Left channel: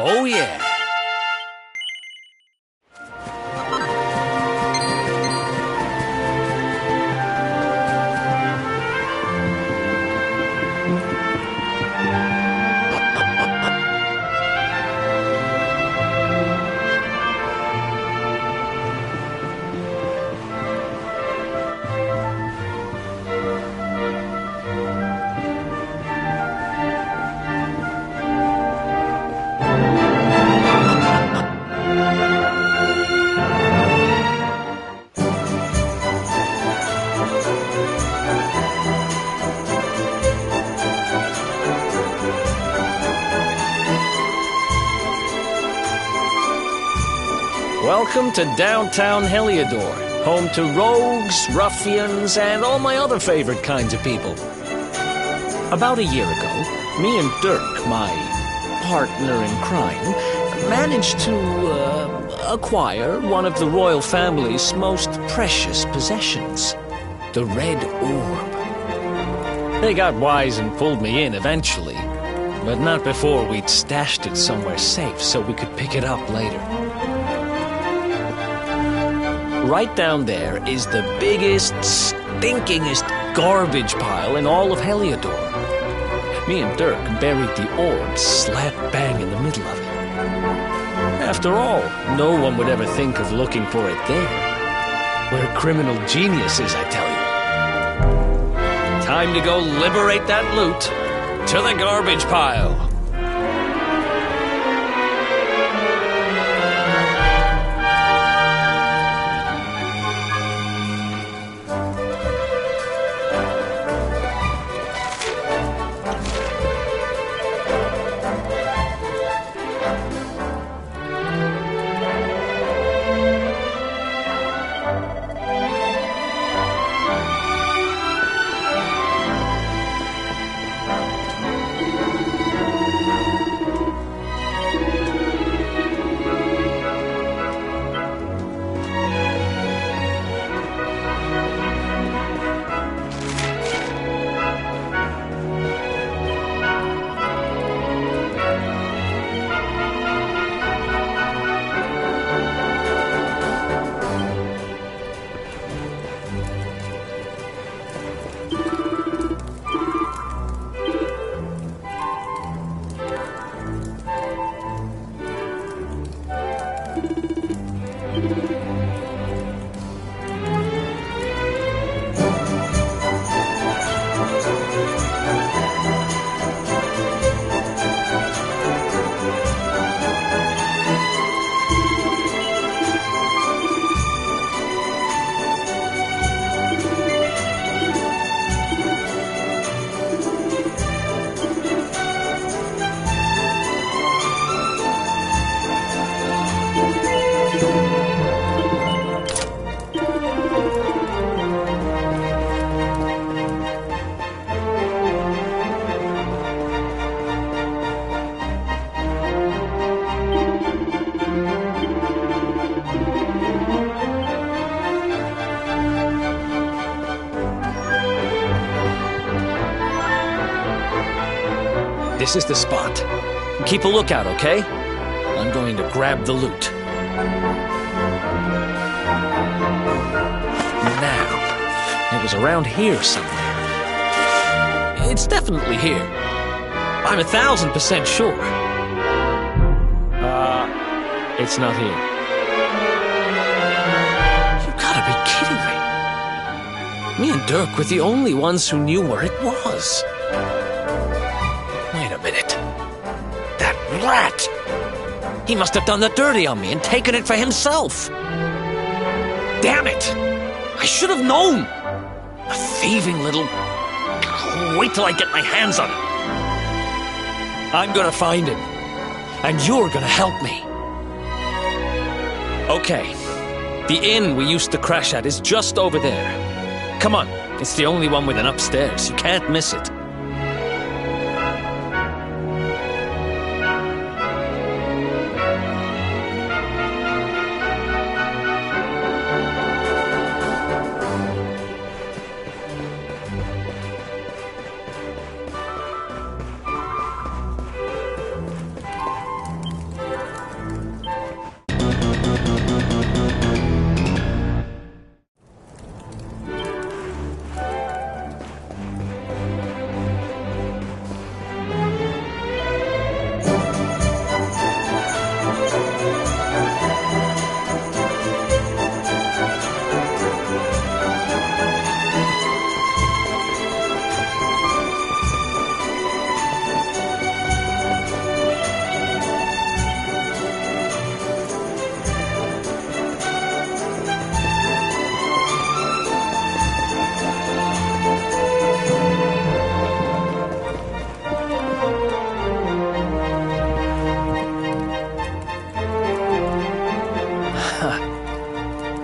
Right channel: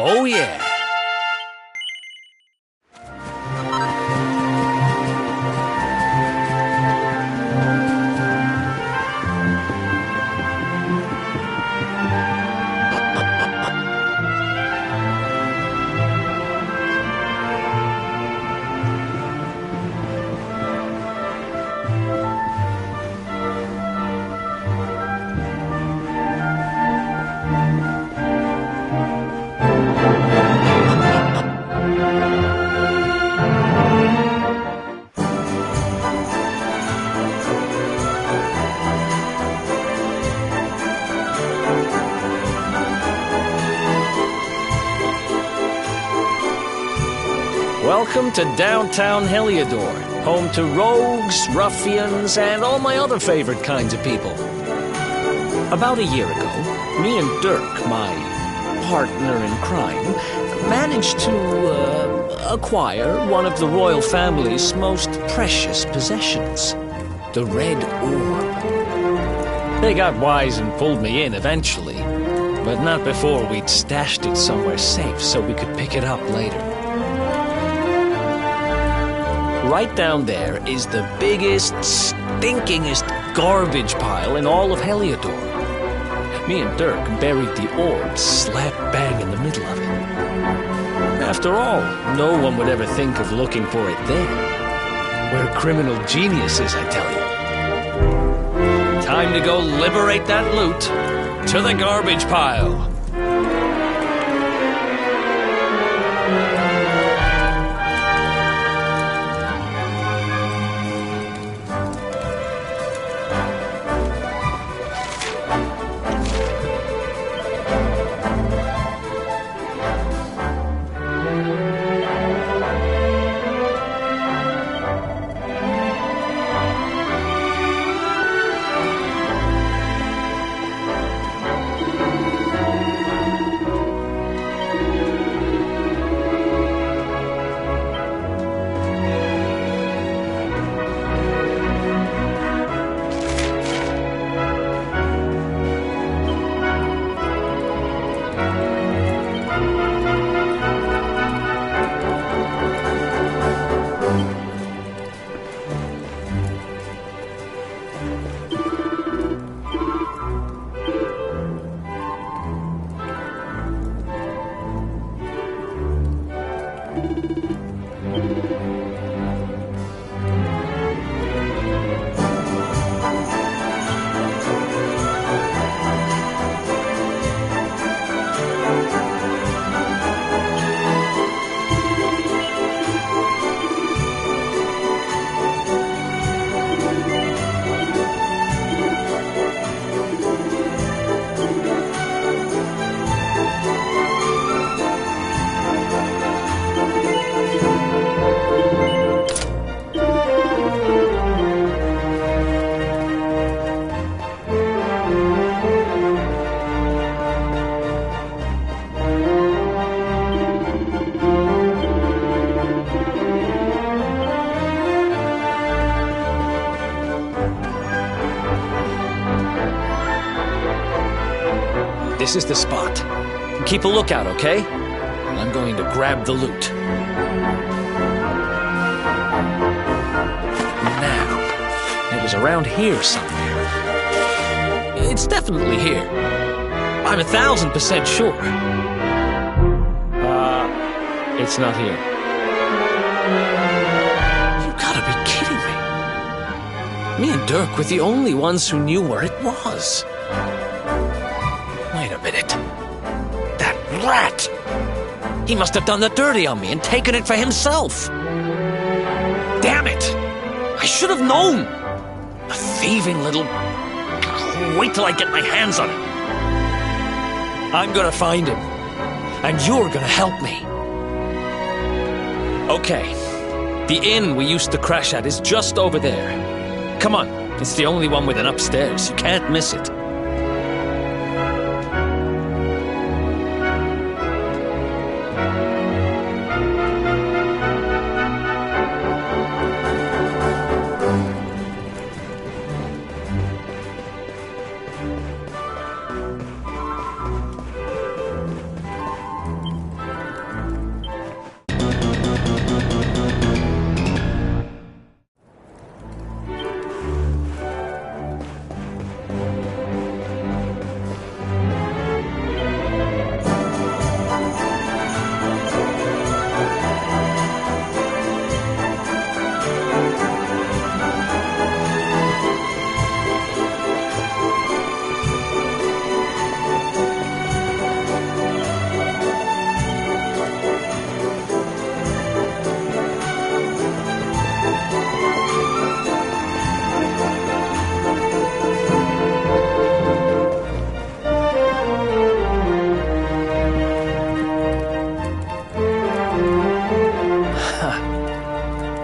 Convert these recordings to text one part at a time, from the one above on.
Oh, yeah. Welcome to downtown Heliodor, home to rogues, ruffians, and all my other favorite kinds of people. About a year ago, me and Dirk, my partner in crime, managed to acquire one of the royal family's most precious possessions, the Red Orb. They got wise and pulled me in eventually, but not before we'd stashed it somewhere safe so we could pick it up later. Right down there is the biggest, stinkingest garbage pile in all of Heliodor. Me and Dirk buried the orb slap bang in the middle of it. After all, no one would ever think of looking for it there. We're criminal geniuses, I tell you. Time to go liberate that loot. To the garbage pile. This is the spot. Keep a lookout, okay? I'm going to grab the loot. Now, it was around here somewhere. It's definitely here. I'm 1,000% sure. It's not here. You gotta be kidding me. Me and Dirk were the only ones who knew where it was. Wait a minute. That rat! He must have done the dirty on me and taken it for himself. Damn it! I should have known! A thieving little... Wait till I get my hands on him. I'm gonna find him. And you're gonna help me. Okay. The inn we used to crash at is just over there. Come on. It's the only one with an upstairs. You can't miss it.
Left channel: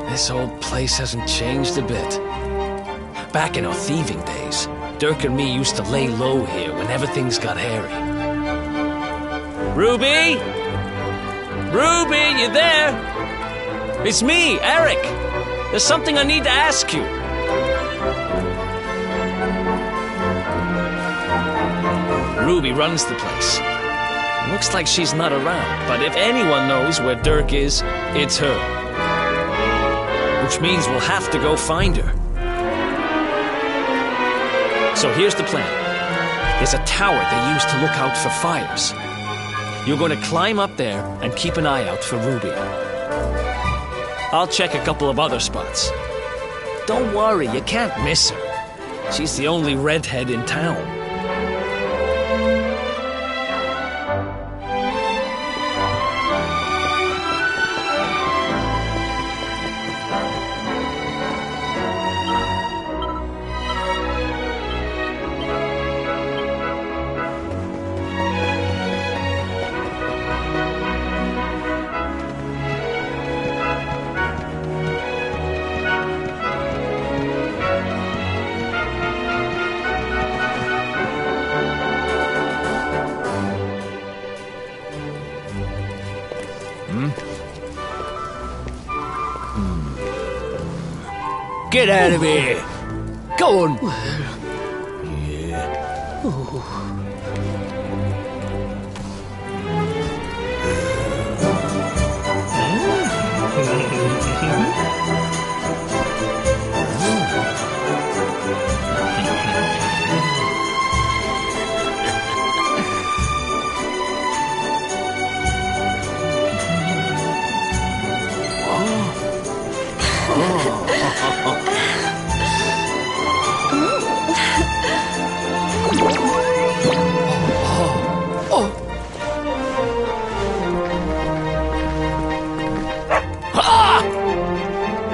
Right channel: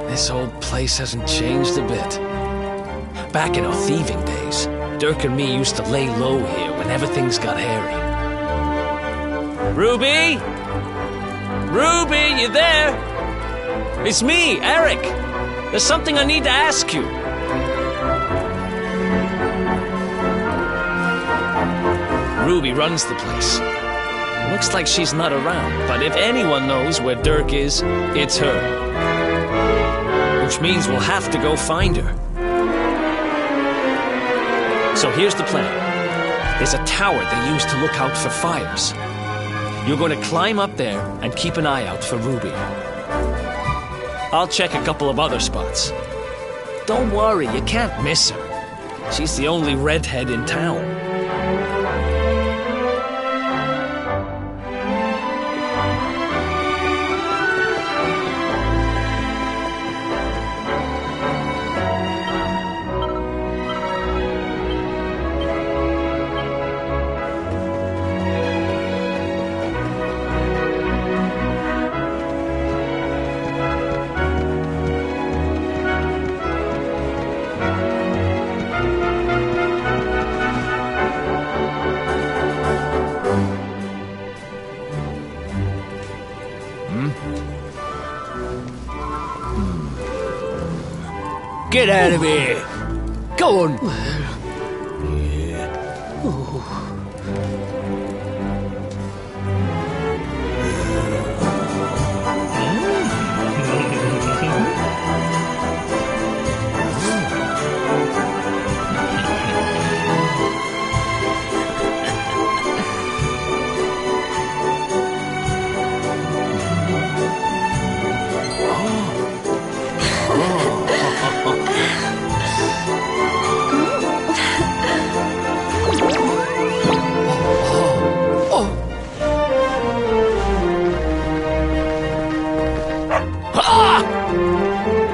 This old place hasn't changed a bit. Back in our thieving days, Dirk and me used to lay low here whenever things got hairy. Ruby? Ruby, you there? It's me, Eric. There's something I need to ask you. Ruby runs the place. Looks like she's not around, but if anyone knows where Dirk is, it's her. Which means we'll have to go find her. So here's the plan. There's a tower they use to look out for fires. You're going to climb up there and keep an eye out for Ruby. I'll check a couple of other spots. Don't worry, you can't miss her. She's the only redhead in town. Get out of here! Go on!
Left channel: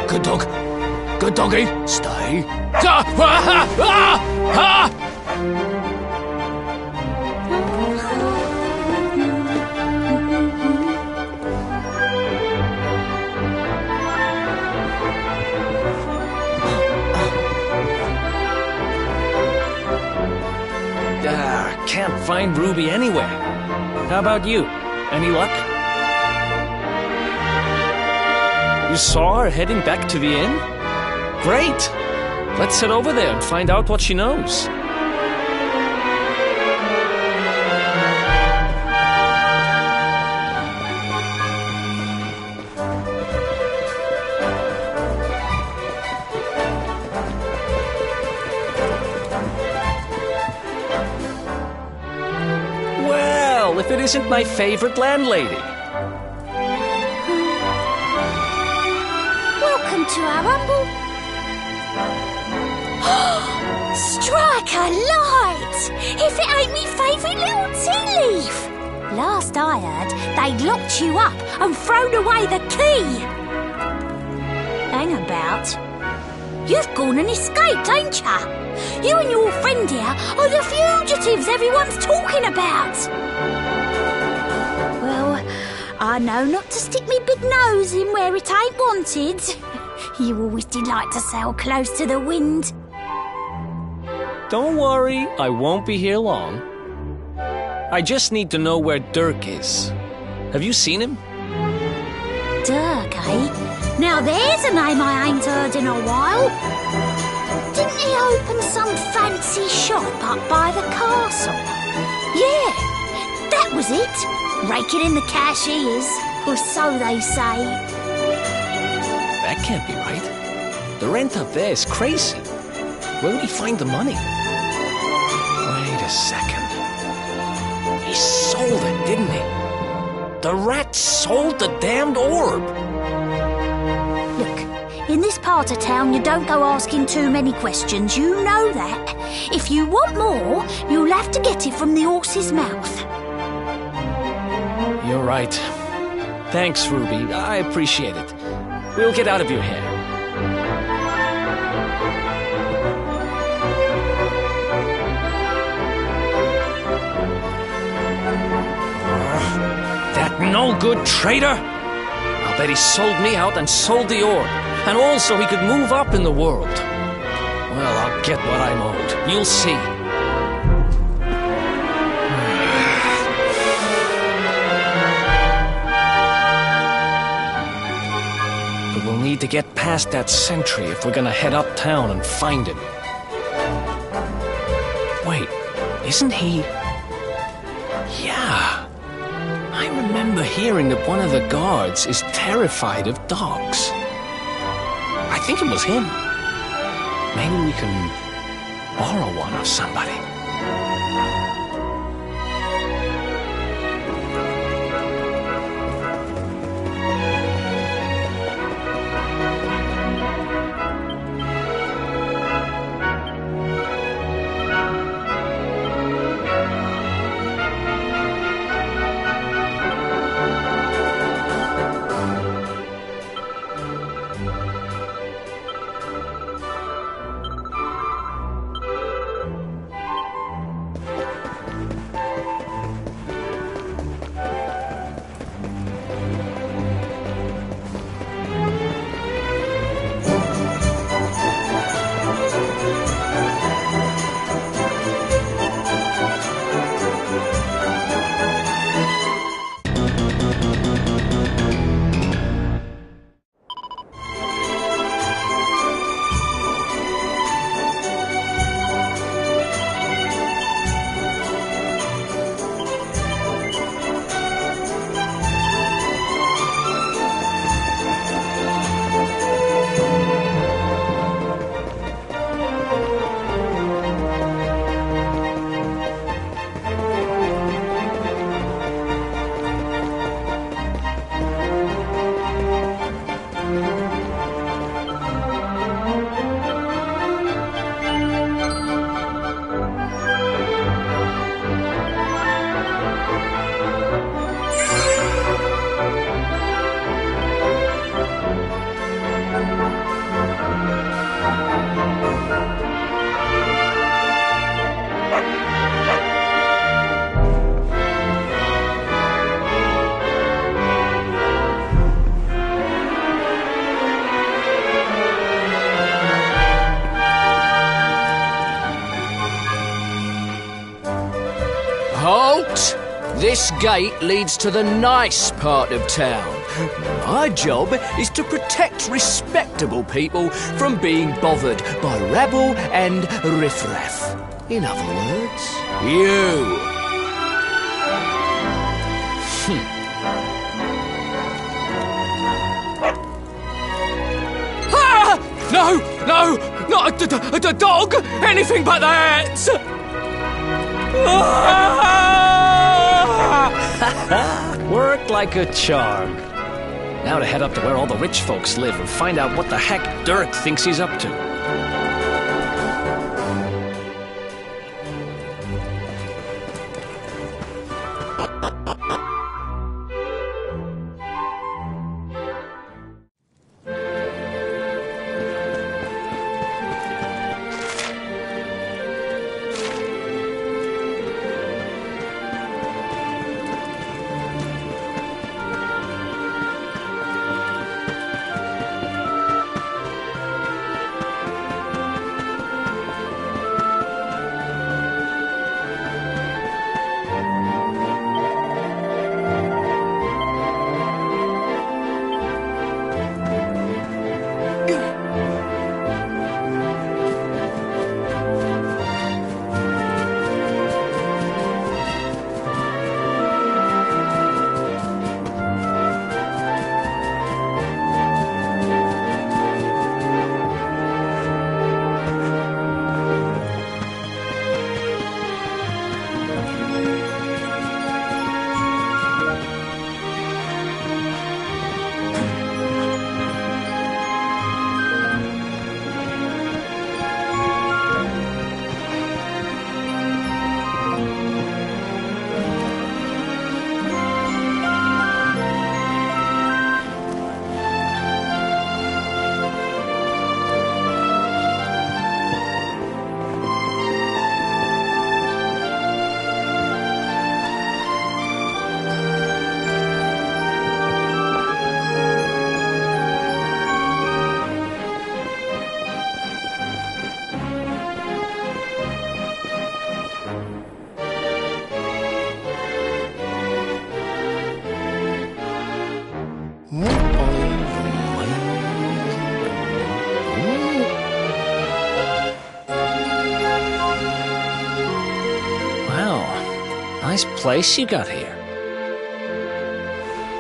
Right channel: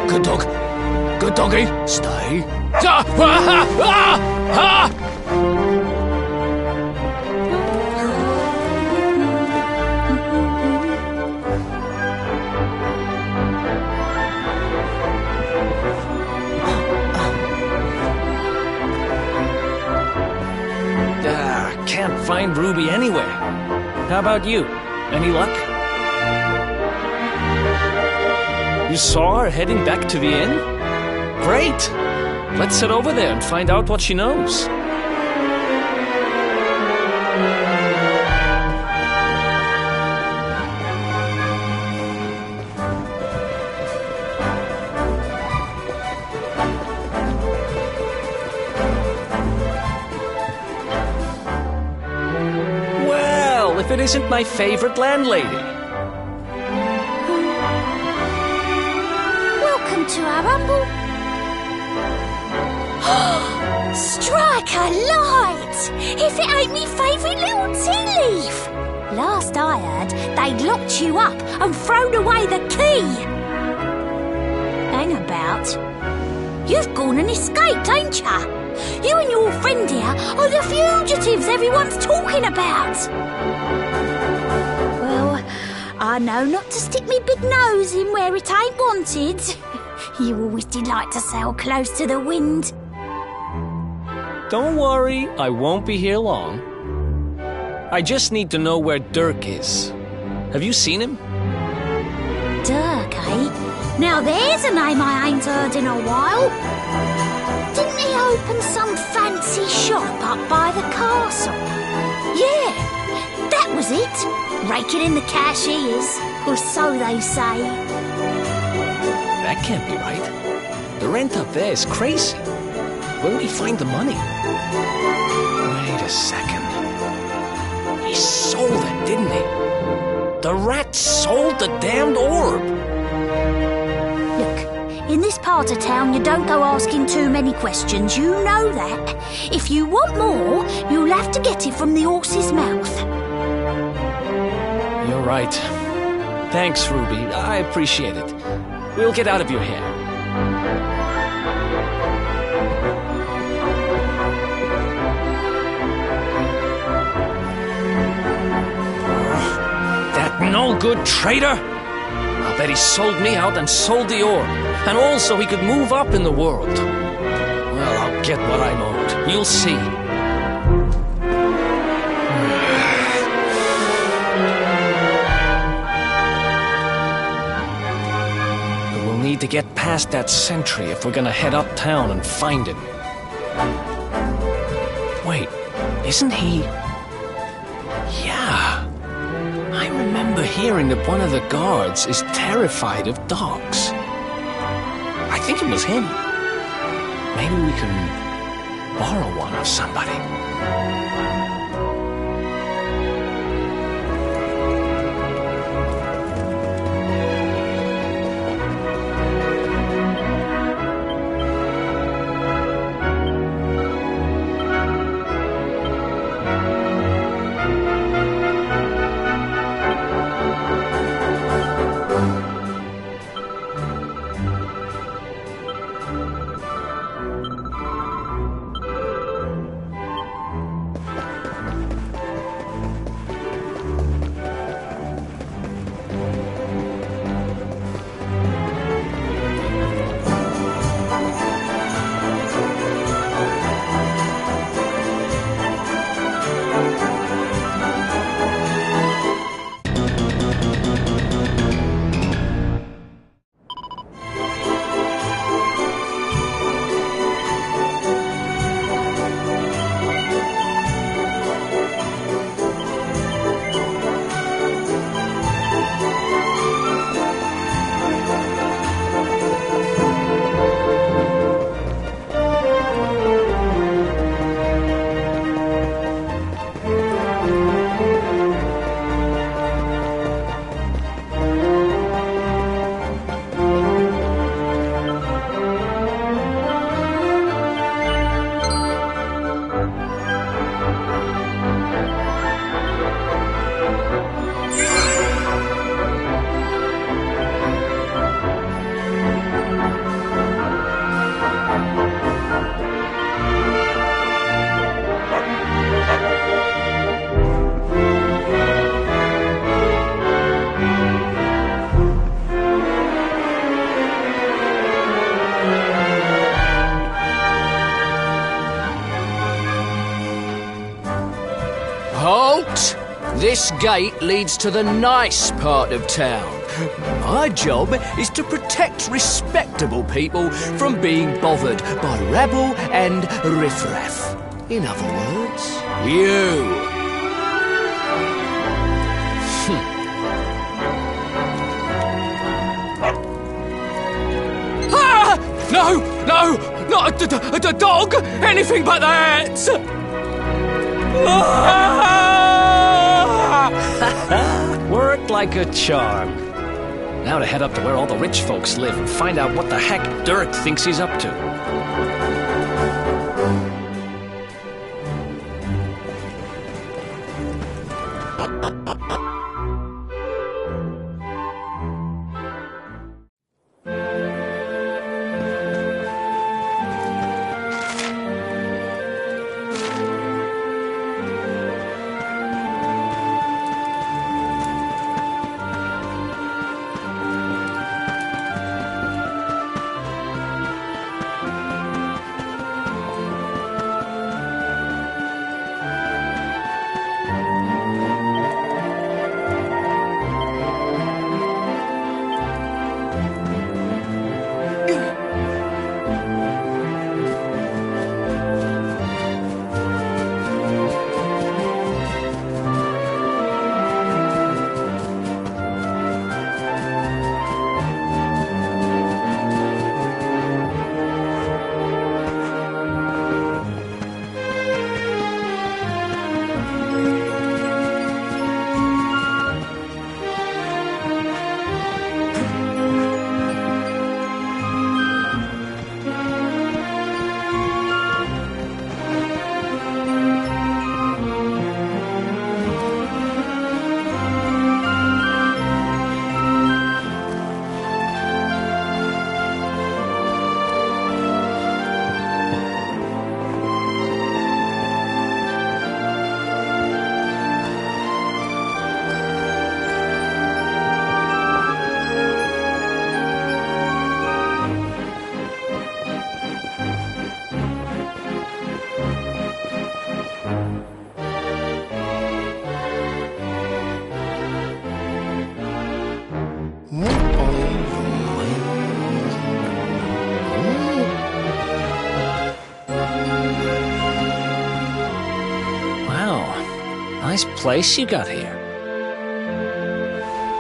Good dog. Good doggy. Stay. Can't find Ruby anywhere. How about you? Any luck? You saw her heading back to the inn? Great! Let's head over there and find out what she knows. if it isn't my favorite landlady. Welcome to our humble... Strike a light! If it ain't me favourite little tea leaf! Last I heard, they'd locked you up and thrown away the key. Hang about. You've gone and escaped, ain't ya? You and your friend here are the fugitives everyone's talking about. Well, I know not to stick me big nose in where it ain't wanted. You always delight to sail close to the wind. Don't worry, I won't be here long. I just need to know where Dirk is. Have you seen him? Dirk, eh? Now there's a name I ain't heard in a while. Didn't he open some fancy shop up by the castle? Yeah, that was it. Raking in the cash he is, or so they say. That can't be right. The rent up there is crazy. Where would he find the money? Wait a second. He sold it, didn't he? The rat sold the damned orb. Look, in this part of town you don't go asking too many questions, you know that. If you want more, you'll have to get it from the horse's mouth. You're right. Thanks, Ruby. I appreciate it. We'll get out of your hair. That no-good traitor! I'll bet he sold me out and sold the orb. And also he could move up in the world. Well, I'll get what I'm owed. You'll see. But we'll need to get past that sentry if we're gonna head uptown and find him. Wait, isn't he... Yeah. I remember hearing that one of the guards is terrified of dogs. I think it was him. Maybe we can borrow one of somebody. Halt! This gate leads to the nice part of town. My job is to protect respectable people from being bothered by rabble and riffraff. In other words, you. Ah! No! No! Not a dog! Anything but that! Ah! Worked like a charm. Now to head up to where all the rich folks live and find out what the heck Dirk thinks he's up to. Nice place you got here.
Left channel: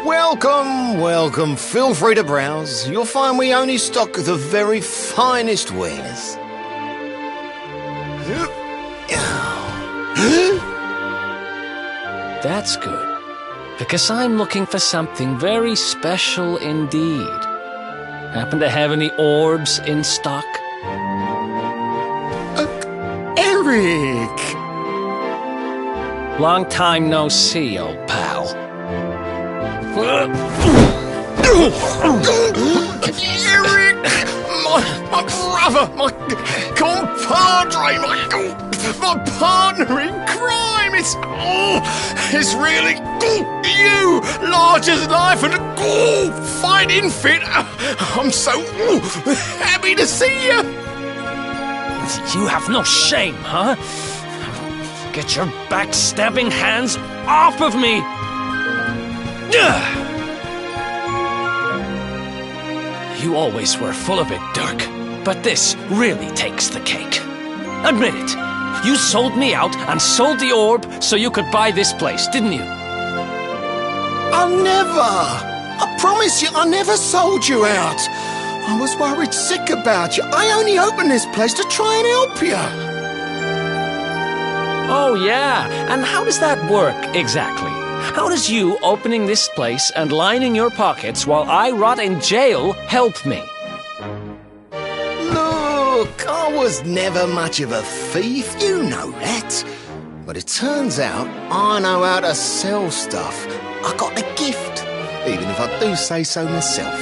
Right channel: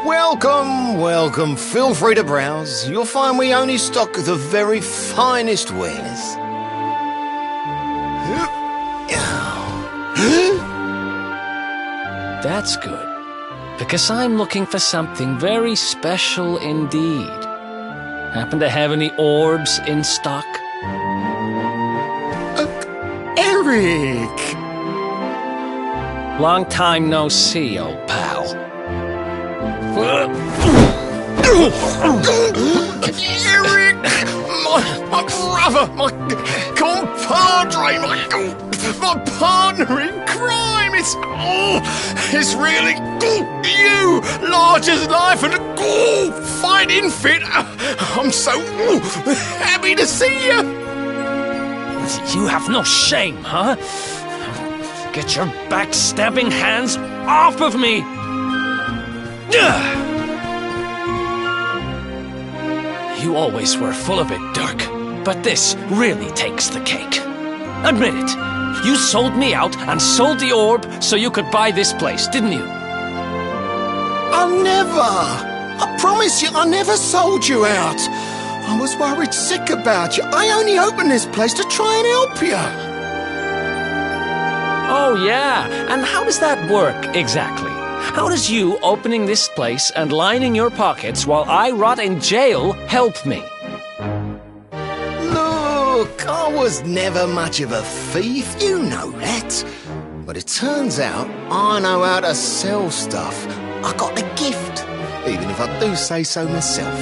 Welcome, welcome. Feel free to browse. You'll find we only stock the very finest wares. That's good, because I'm looking for something very special indeed. Happen to have any orbs in stock? Eric! Long time no see, old pal. Eric! My brother! My compadre! My partner in crime! It's really you! Large as life and fighting fit! I'm so happy to see you! You have no shame, huh? Get your backstabbing hands off of me! You always were full of it, Dirk, but this really takes the cake. Admit it, you sold me out and sold the orb so you could buy this place, didn't you? I'll never! I promise you, I never sold you out. I was worried sick about you. I only opened this place to try and help you. Oh, yeah. And how does that work, exactly? How does you opening this place and lining your pockets while I rot in jail help me? Look, I was never much of a thief, you know that. But it turns out I know how to sell stuff. I got a gift, even if I do say so myself.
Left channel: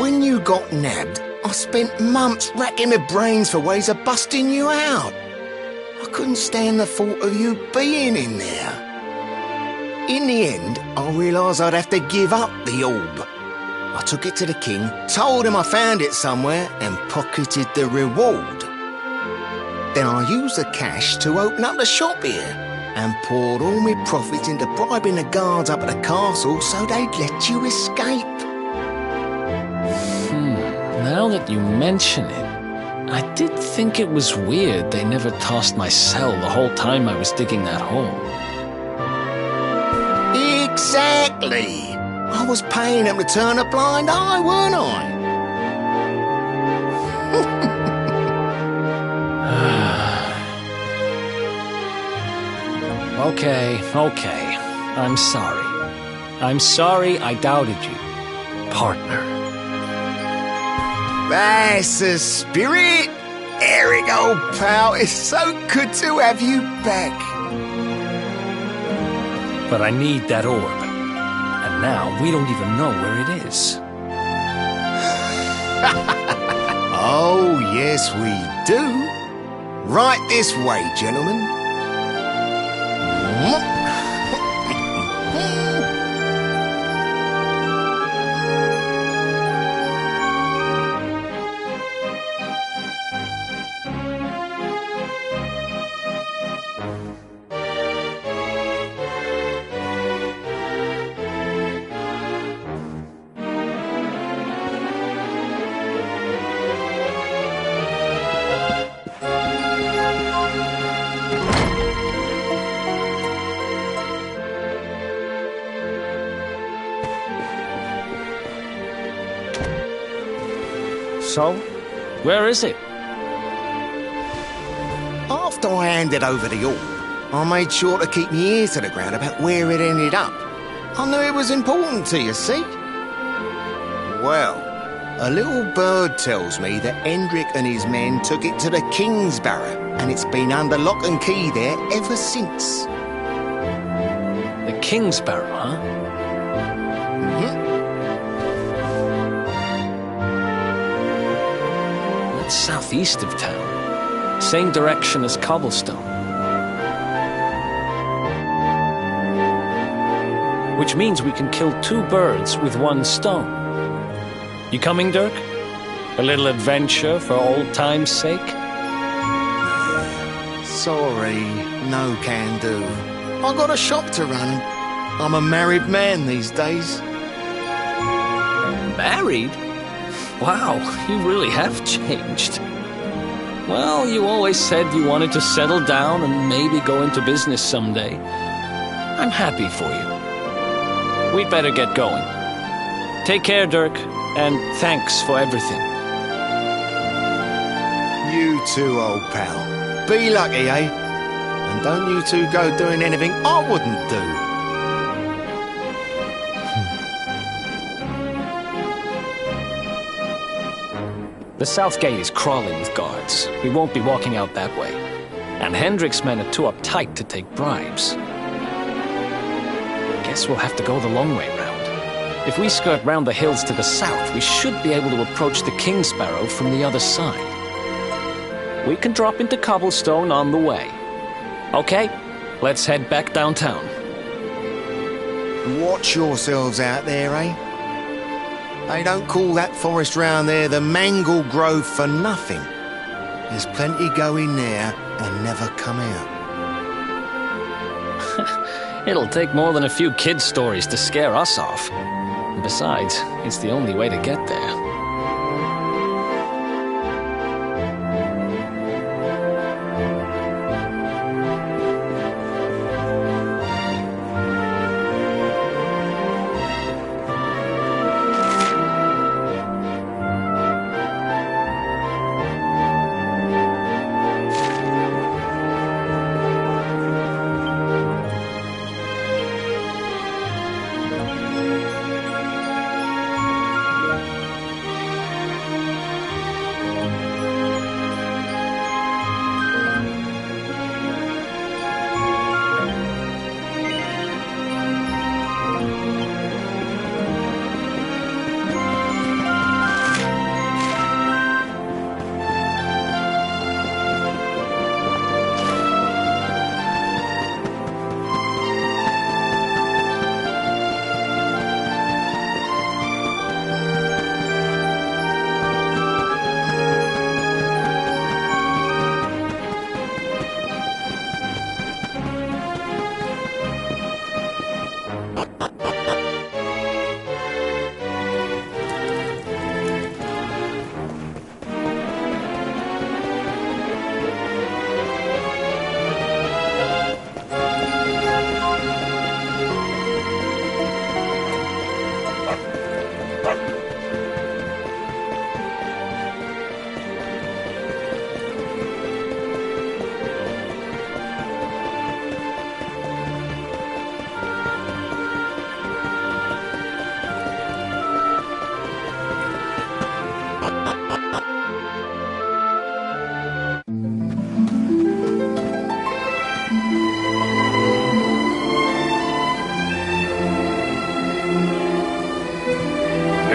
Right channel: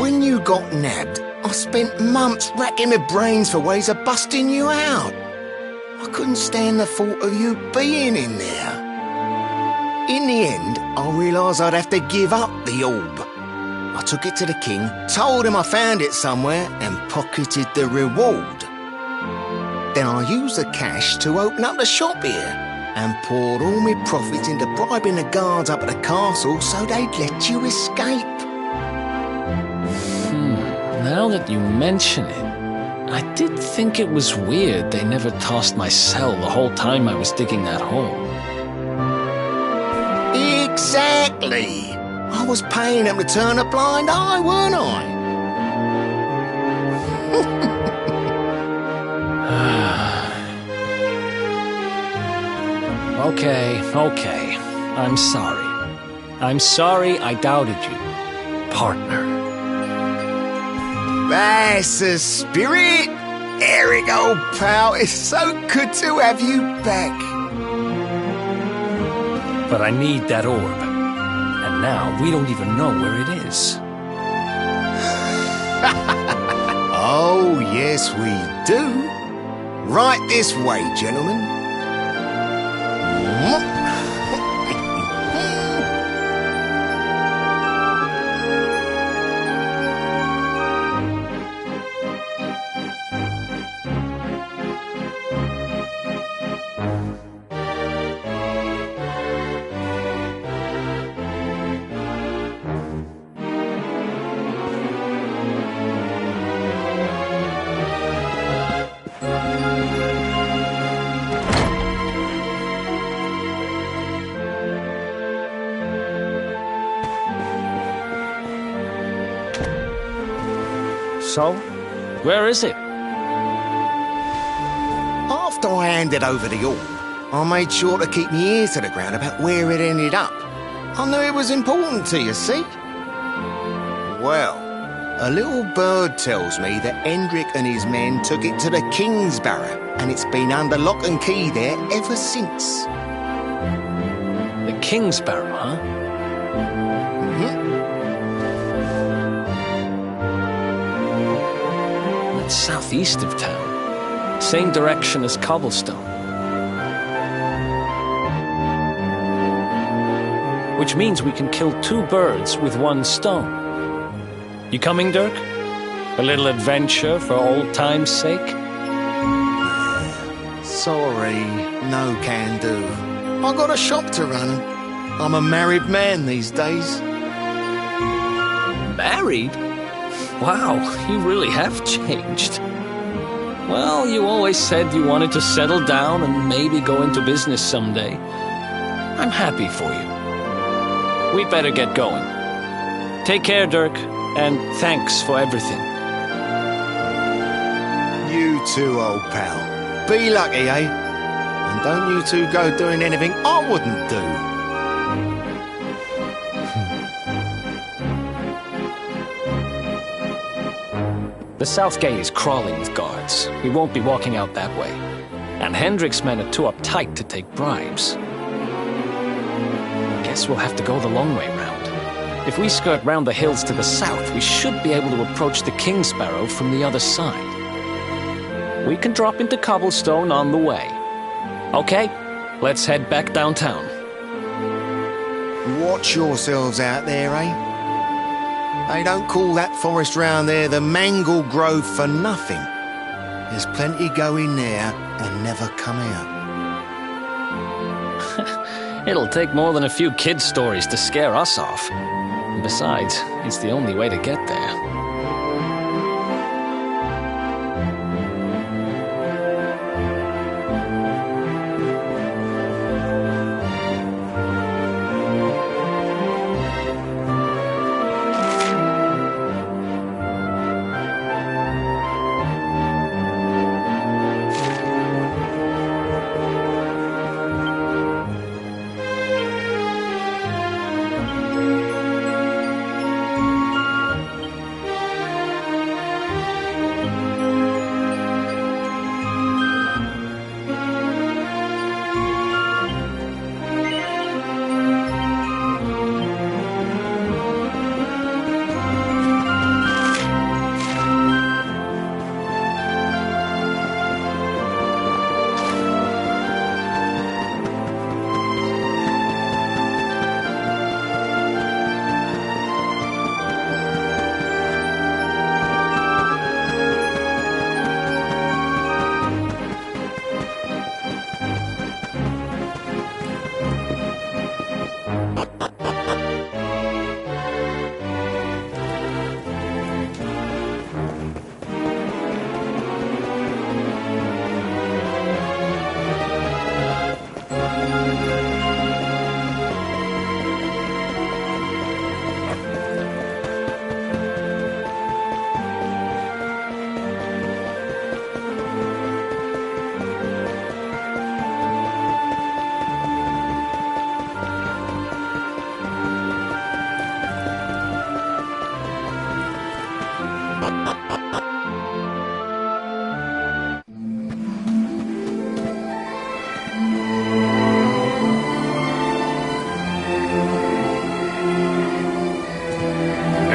When you got nabbed, I spent months racking my brains for ways of busting you out. I couldn't stand the thought of you being in there. In the end, I realised I'd have to give up the orb. I took it to the king, told him I found it somewhere, and pocketed the reward. Then I used the cash to open up the shop here, and poured all my profits into bribing the guards up at the castle so they'd let you escape. Now that you mention it, I did think it was weird they never tossed my cell the whole time I was digging that hole. Exactly! I was paying them to turn a blind eye, weren't I? Okay. I'm sorry. I'm sorry I doubted you, partner. That's the spirit! Eric, old pal, it's so good to have you back. But I need that orb. And now we don't even know where it is. Oh, yes, we do. Right this way, gentlemen. So, where is it? After I handed over the orb, I made sure to keep my ear to the ground about where it ended up. I knew it was important to you, see? Well, a little bird tells me that Hendrik and his men took it to the Kingsbarrow, and it's been under lock and key there ever since. The Kingsbarrow, huh? That's southeast of town. Same direction as Cobblestone. Which means we can kill two birds with one stone. You coming, Dirk? A little adventure for old time's sake? Sorry, no can do. I got a shop to run, and I'm a married man these days. Married? Wow, you really have changed. Well, you always said you wanted to settle down and maybe go into business someday. I'm happy for you. We'd better get going. Take care, Dirk, and thanks for everything. You too, old pal. Be lucky, eh? And don't you two go doing anything I wouldn't do. The south gate is crawling with guards. We won't be walking out that way. And Hendrik's men are too uptight to take bribes. Guess we'll have to go the long way round. If we skirt round the hills to the south, we should be able to approach the Kingsbarrow from the other side. We can drop into Cobblestone on the way. Okay, let's head back downtown. Watch yourselves out there, eh? They don't call that forest round there the Mangle Grove for nothing. There's plenty go in there and never come out. It'll take more than a few kid stories to scare us off. Besides, it's the only way to get there.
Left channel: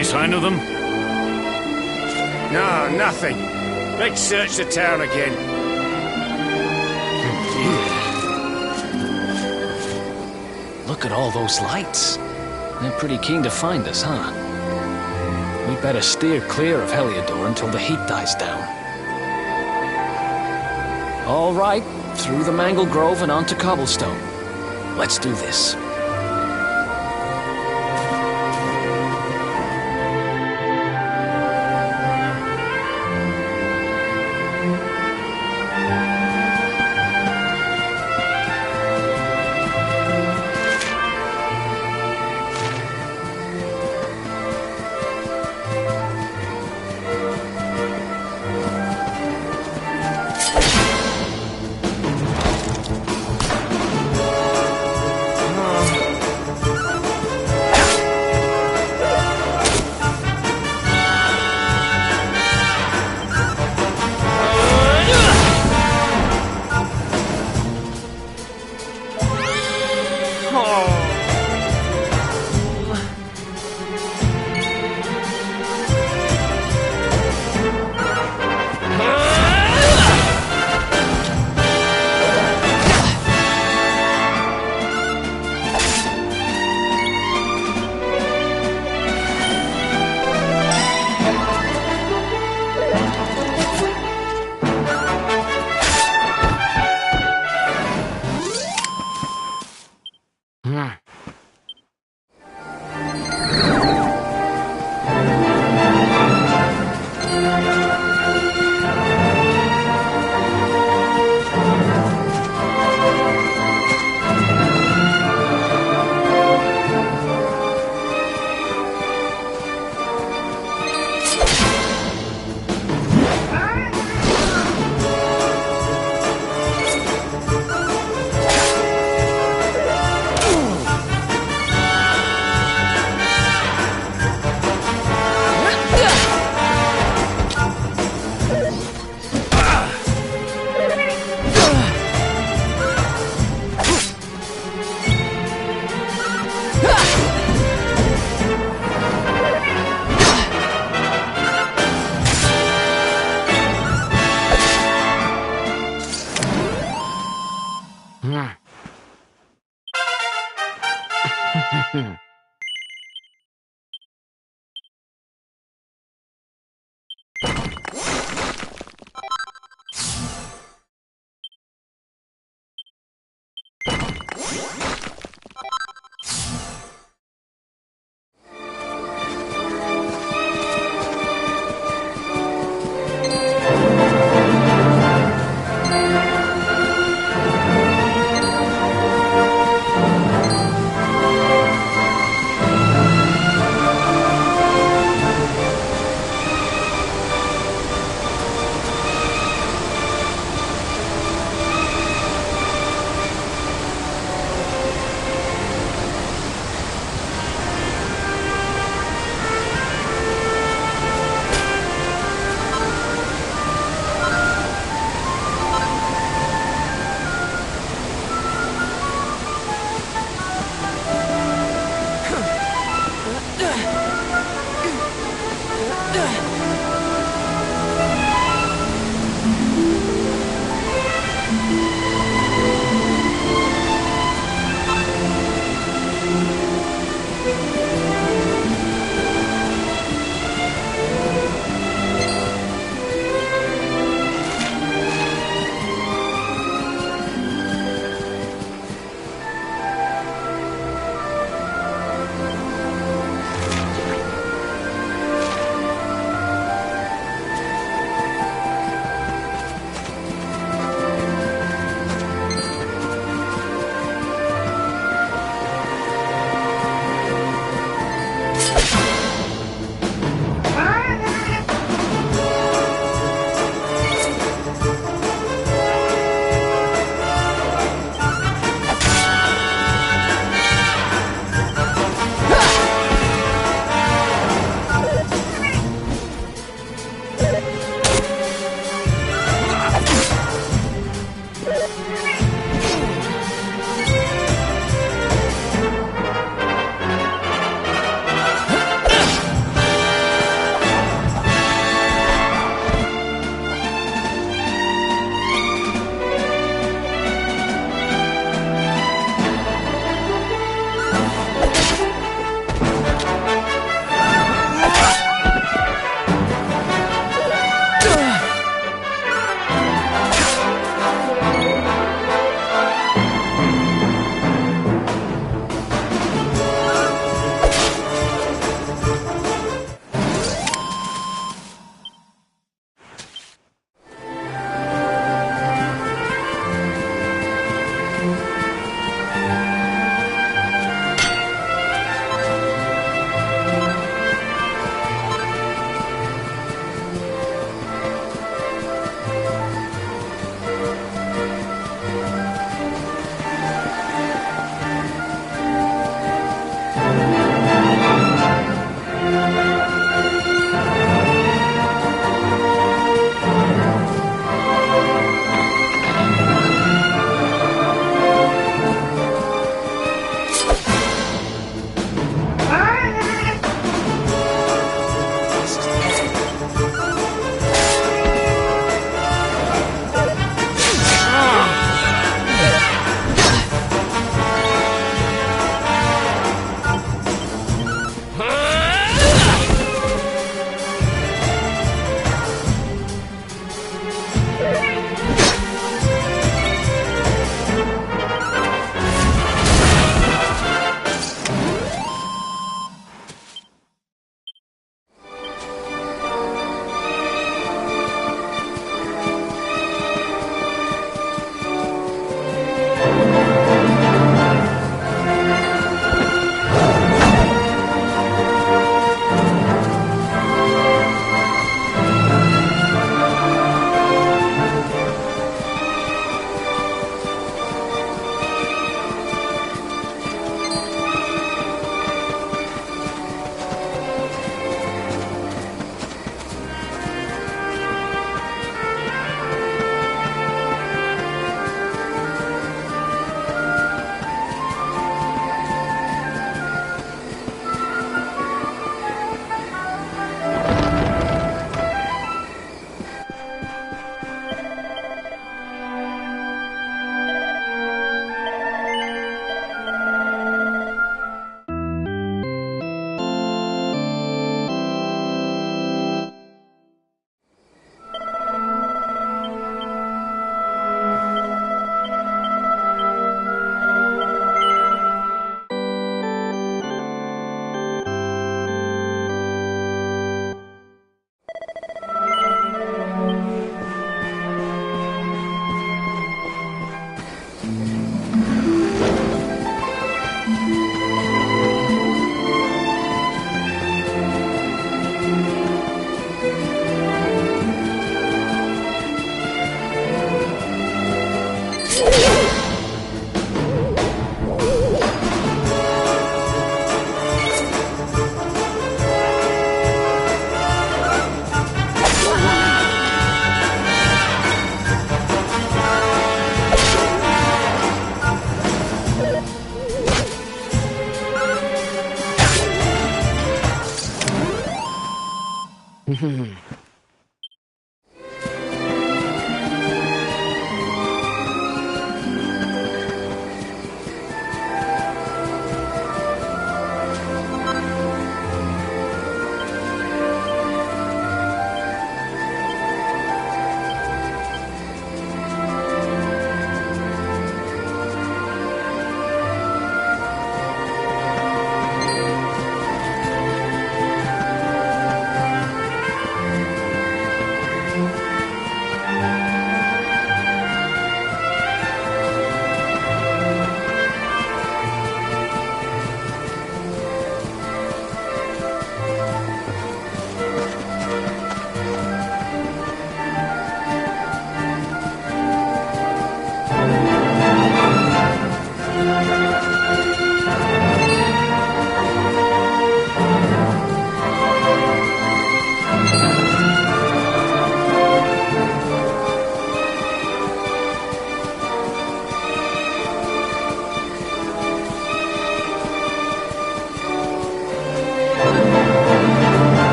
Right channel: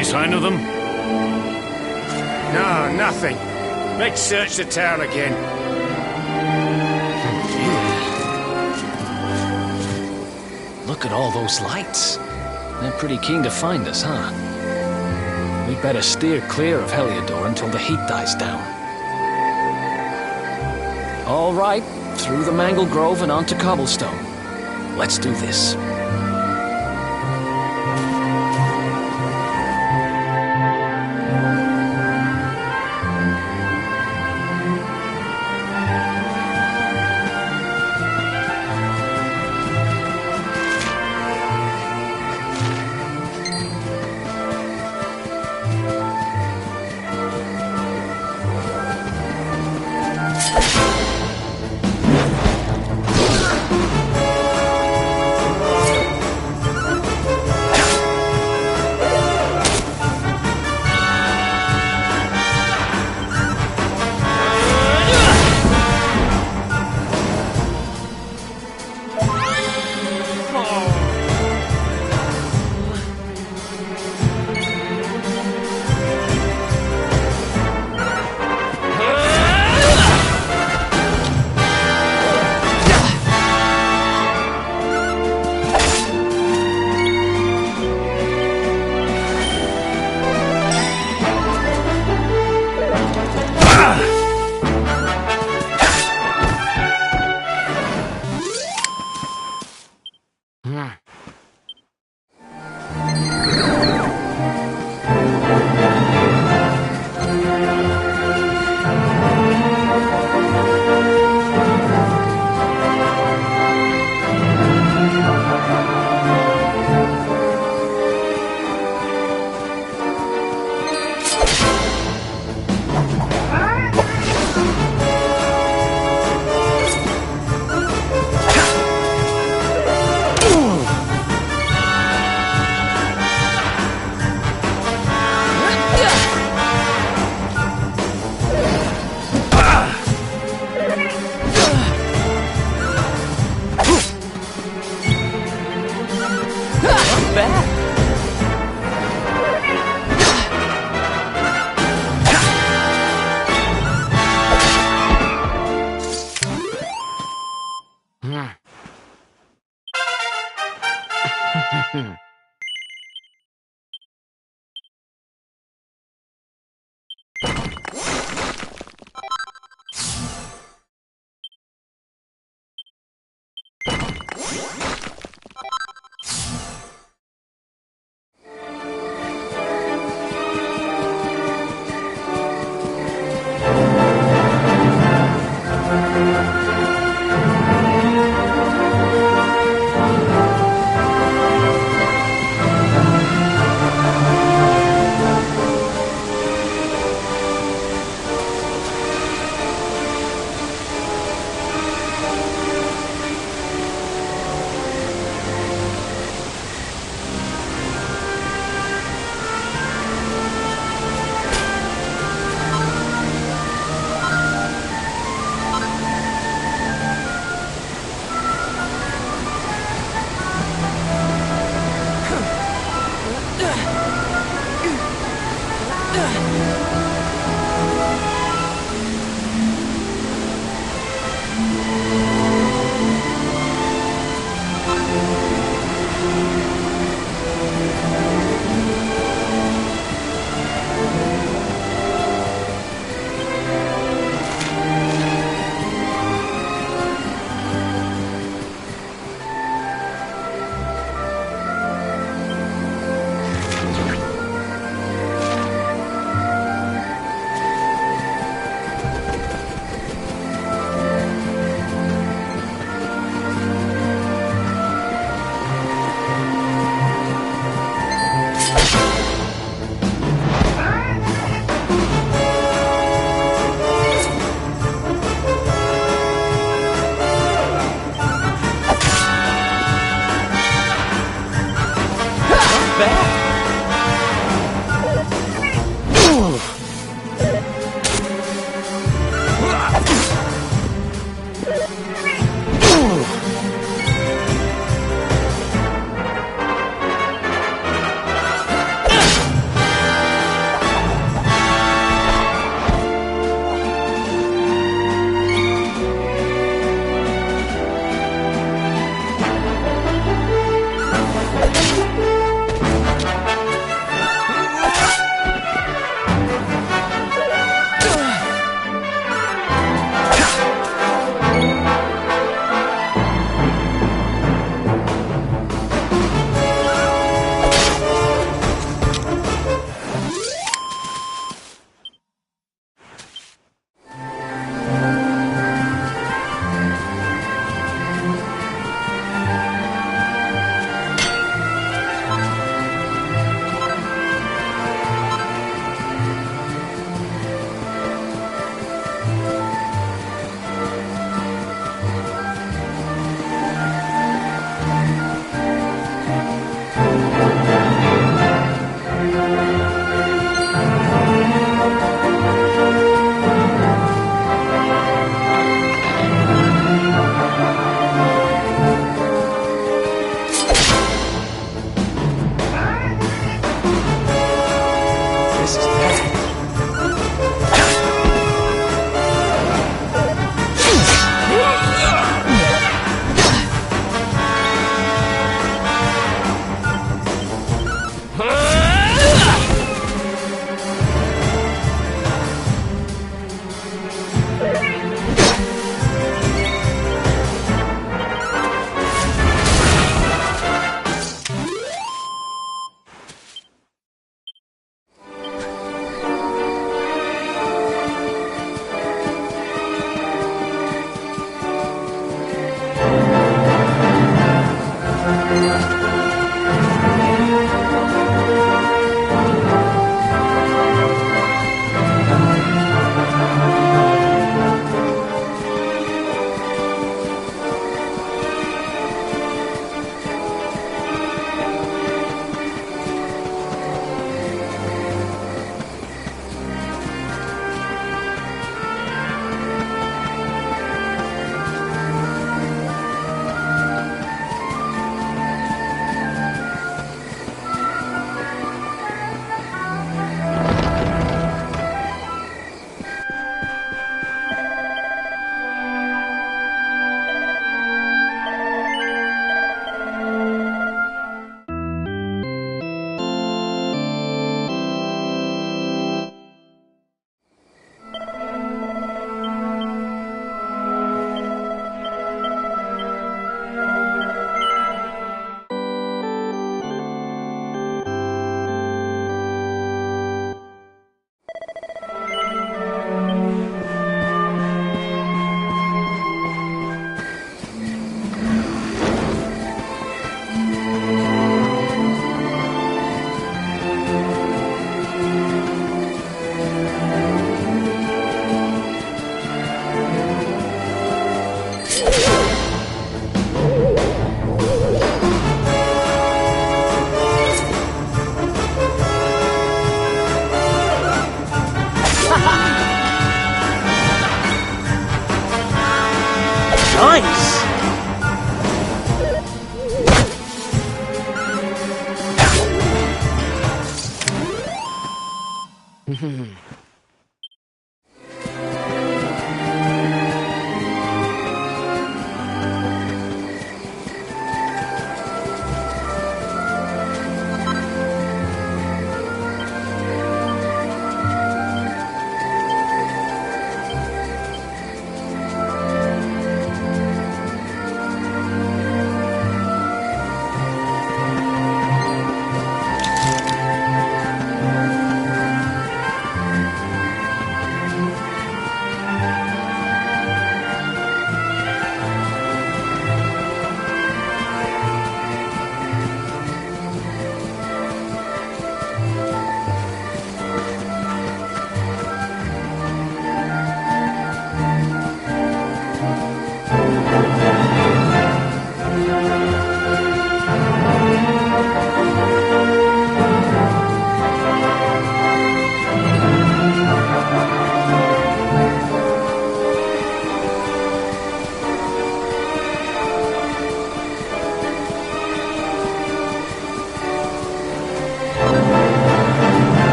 Any sign of them? No, nothing. Let's search the town again. Look at all those lights. They're pretty keen to find us, huh? We'd better steer clear of Heliodor until the heat dies down. All right, through the Mangle Grove and onto Cobblestone. Let's do this.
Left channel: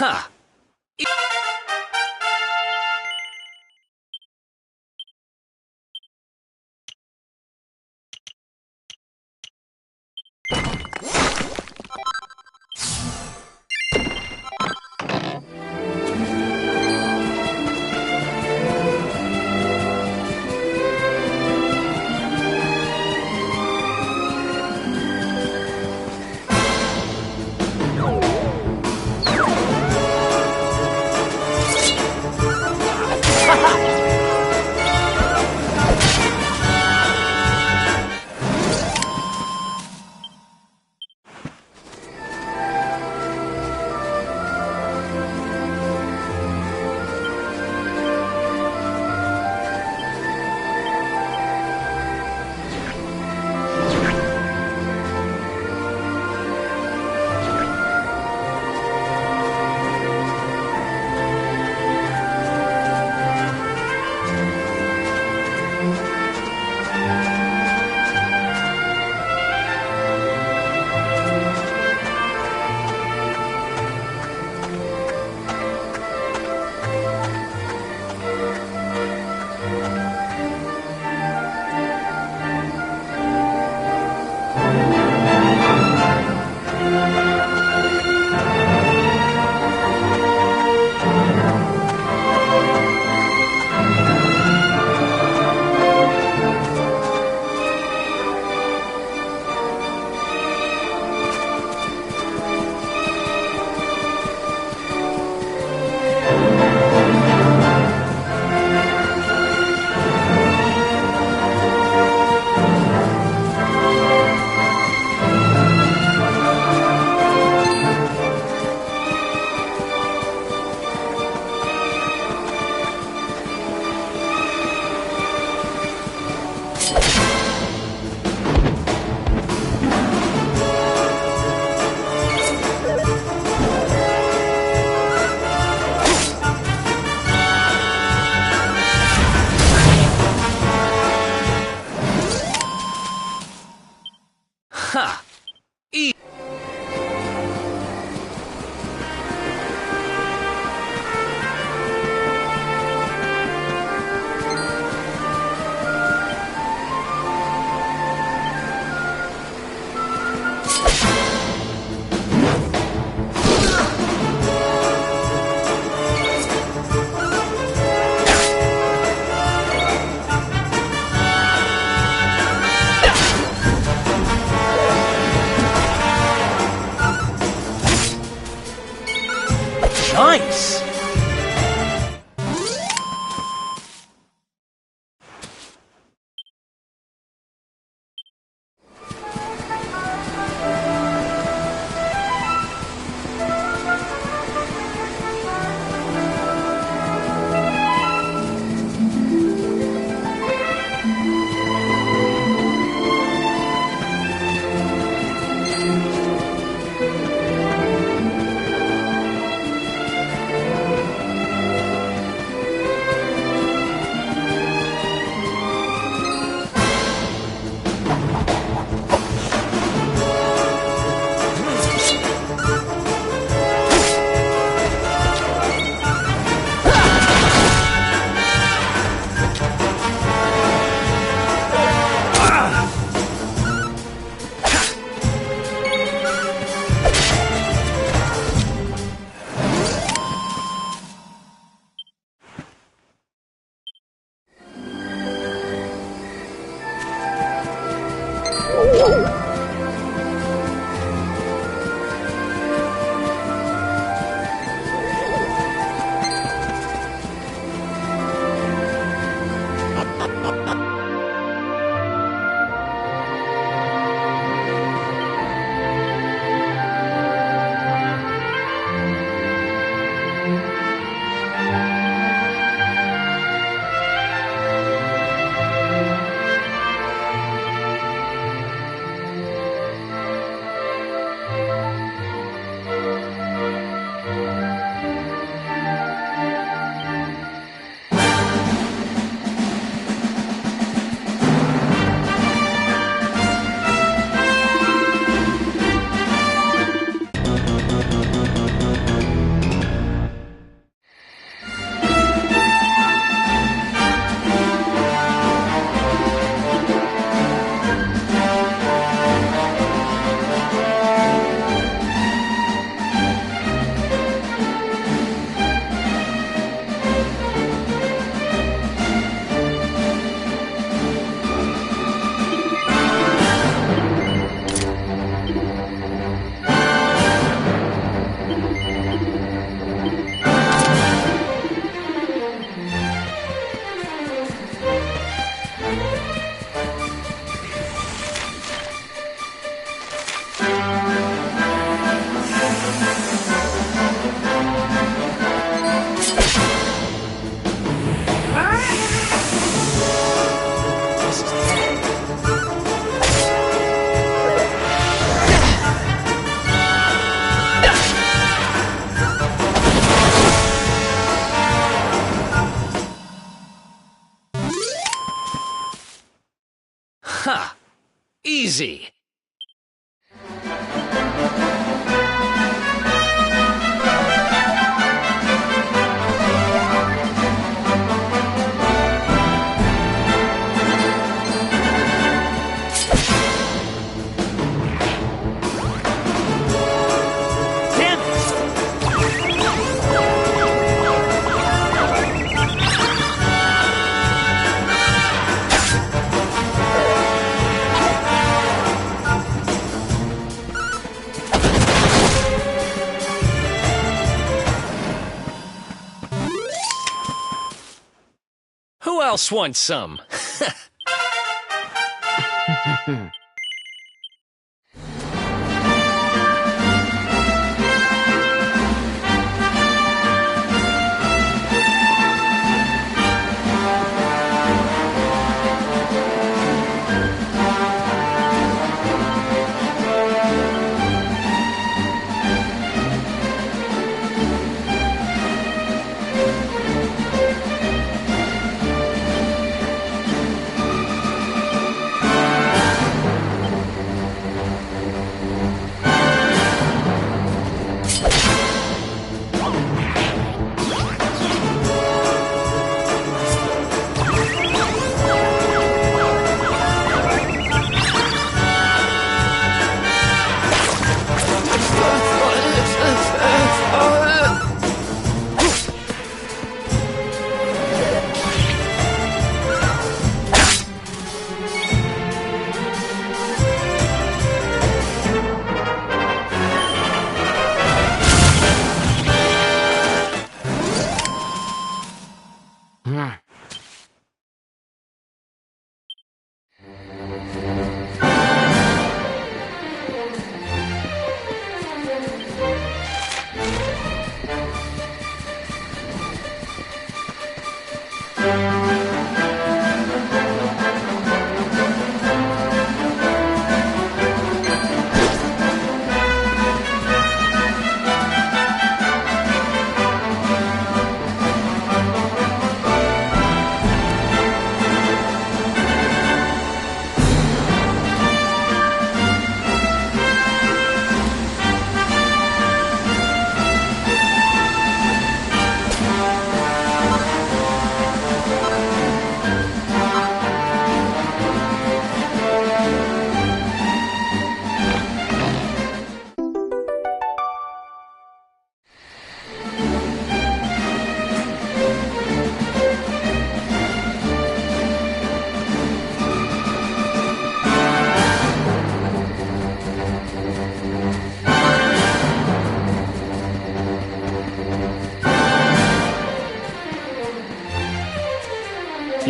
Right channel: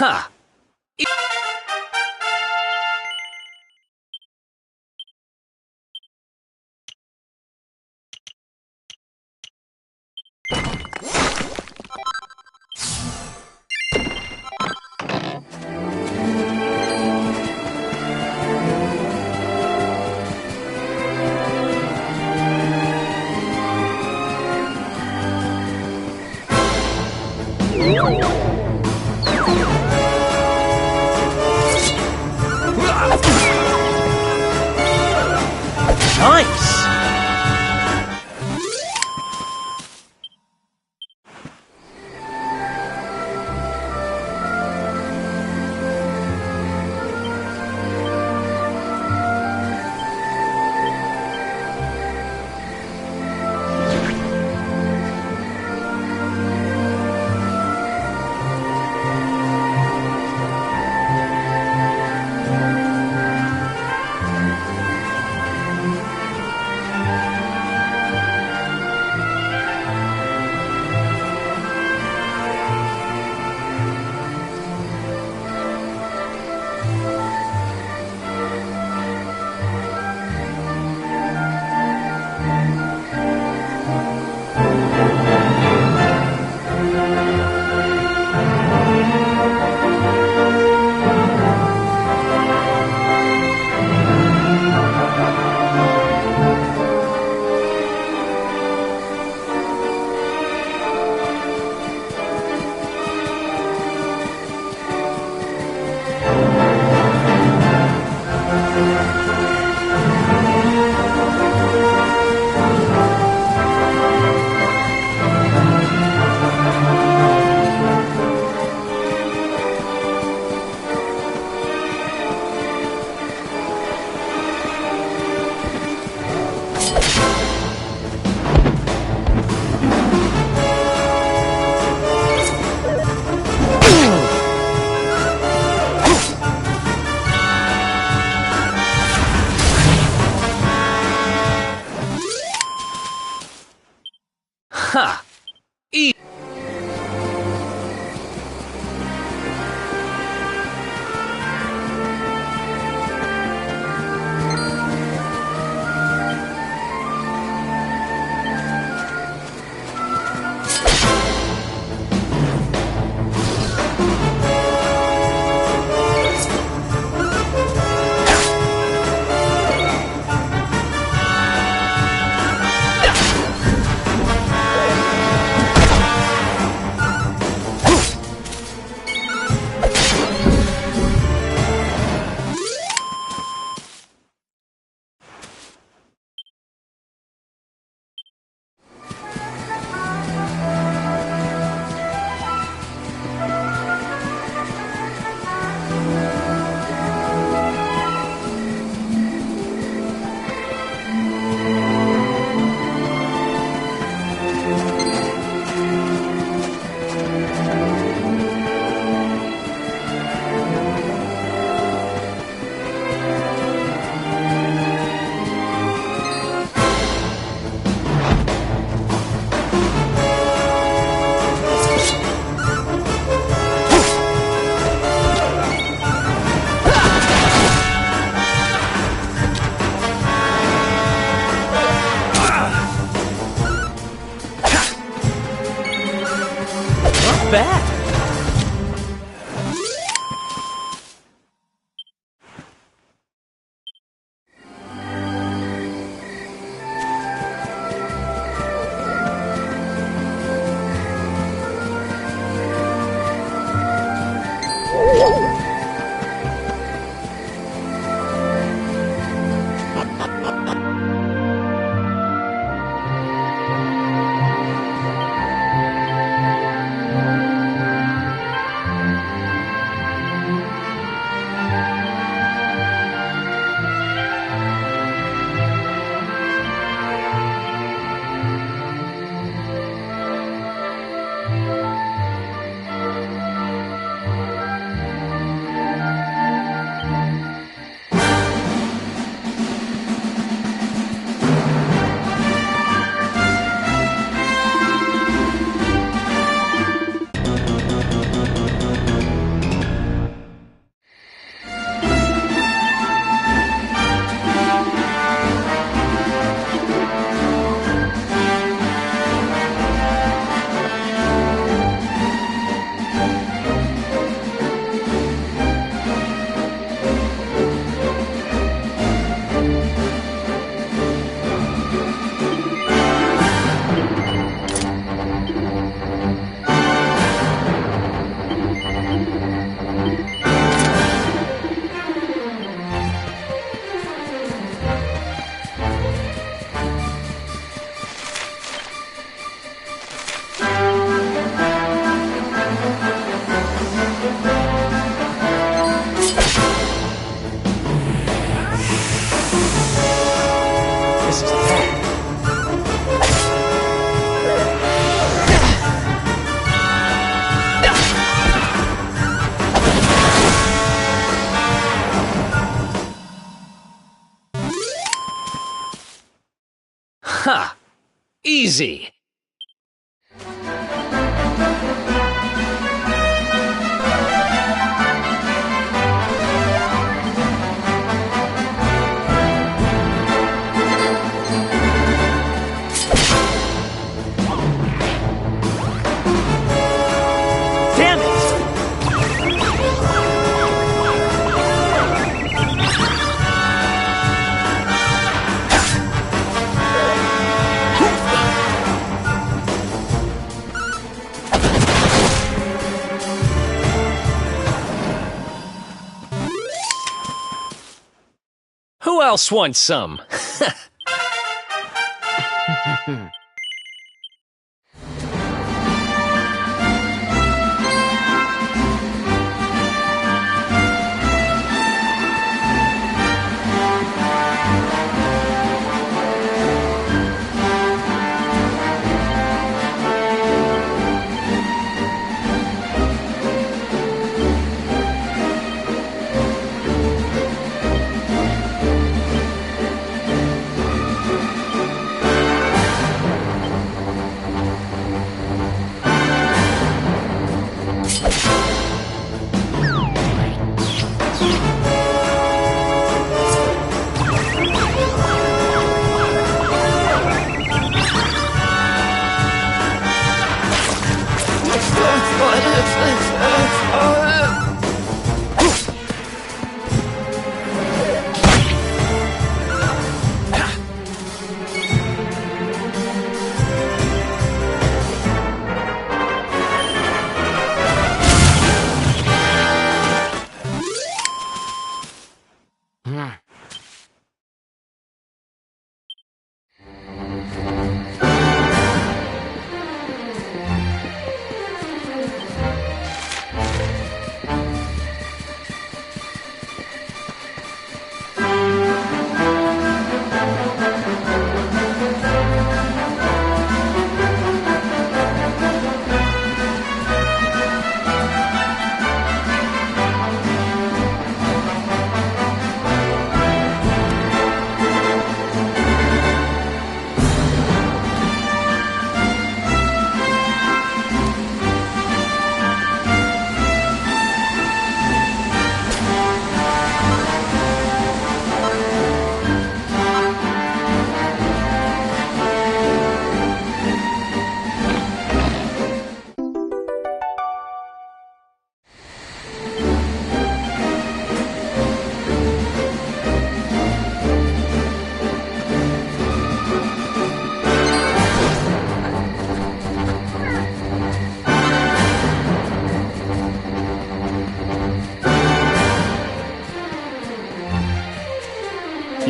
Ha! bad. Ha! Easy! Damn it! Who else wants some?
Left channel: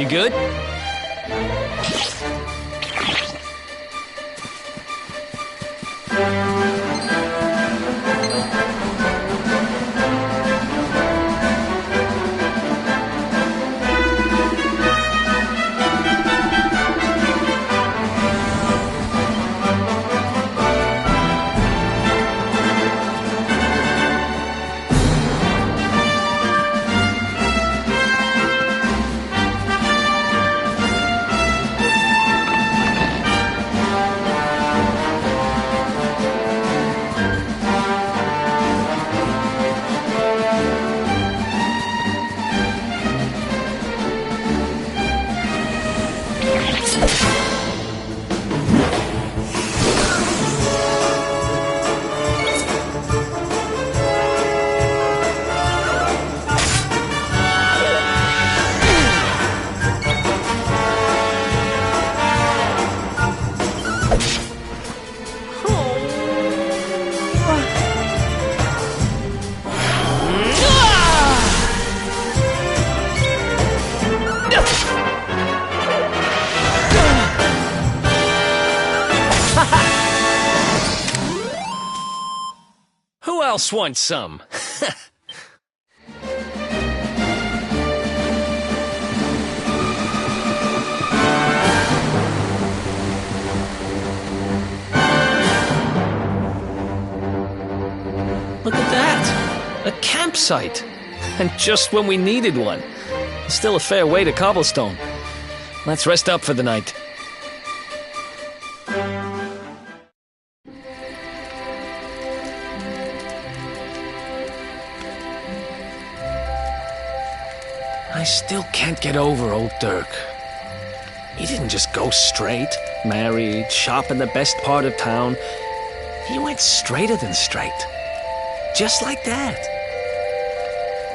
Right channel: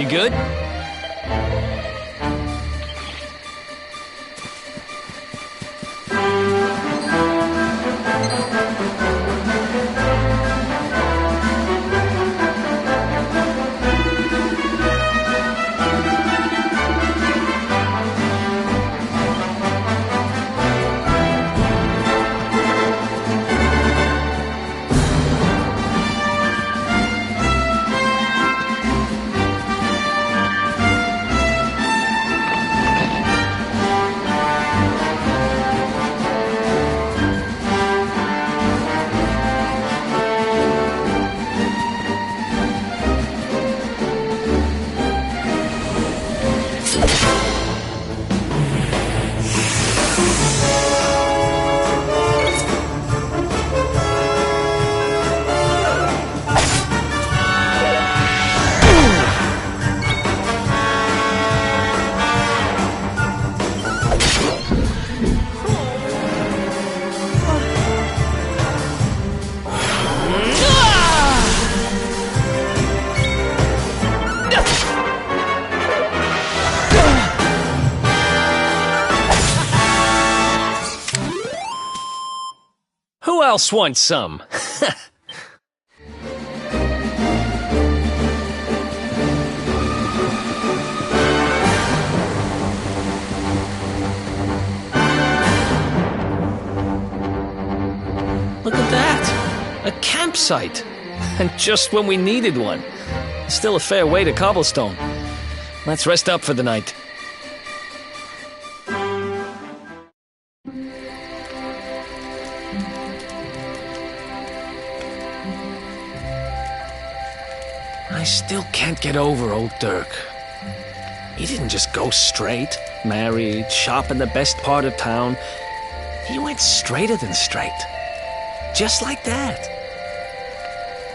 You good? Who else wants some? Look at that! A campsite! And just when we needed one. Still a fair way to cobblestone. Let's rest up for the night. I still can't get over old Dirk. He didn't just go straight, married, shop in the best part of town. He went straighter than straight. Just like that.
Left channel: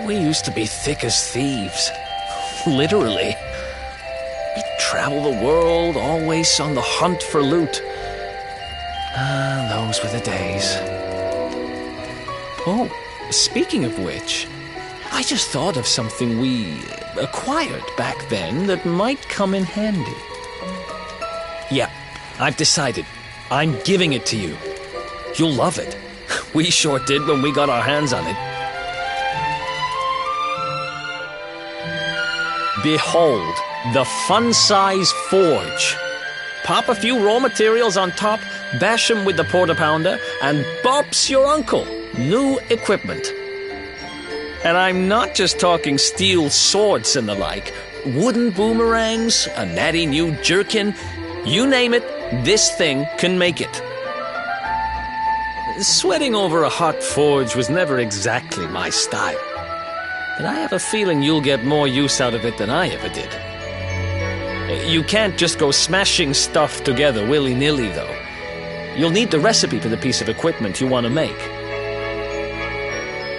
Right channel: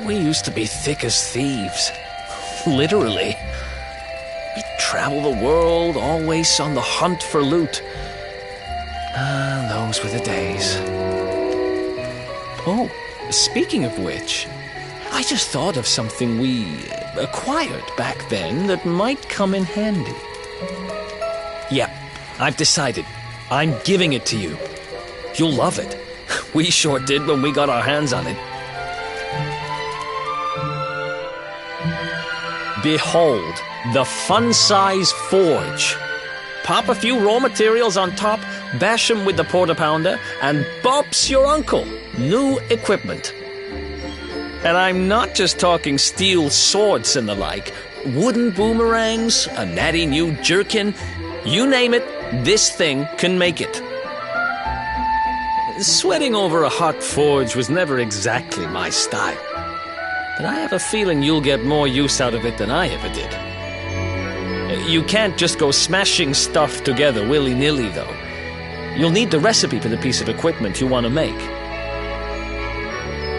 We used to be thick as thieves. Literally. We'd travel the world, always on the hunt for loot. Ah, those were the days. Oh, speaking of which, I just thought of something we acquired back then that might come in handy. Yeah, I've decided. I'm giving it to you. You'll love it. We sure did when we got our hands on it. Behold, the fun-size forge. Pop a few raw materials on top, bash 'em with the porta-pounder, and bop's your uncle. New equipment. And I'm not just talking steel swords and the like. Wooden boomerangs, a natty new jerkin. You name it, this thing can make it. Sweating over a hot forge was never exactly my style. But I have a feeling you'll get more use out of it than I ever did. You can't just go smashing stuff together willy-nilly, though. You'll need the recipe for the piece of equipment you want to make.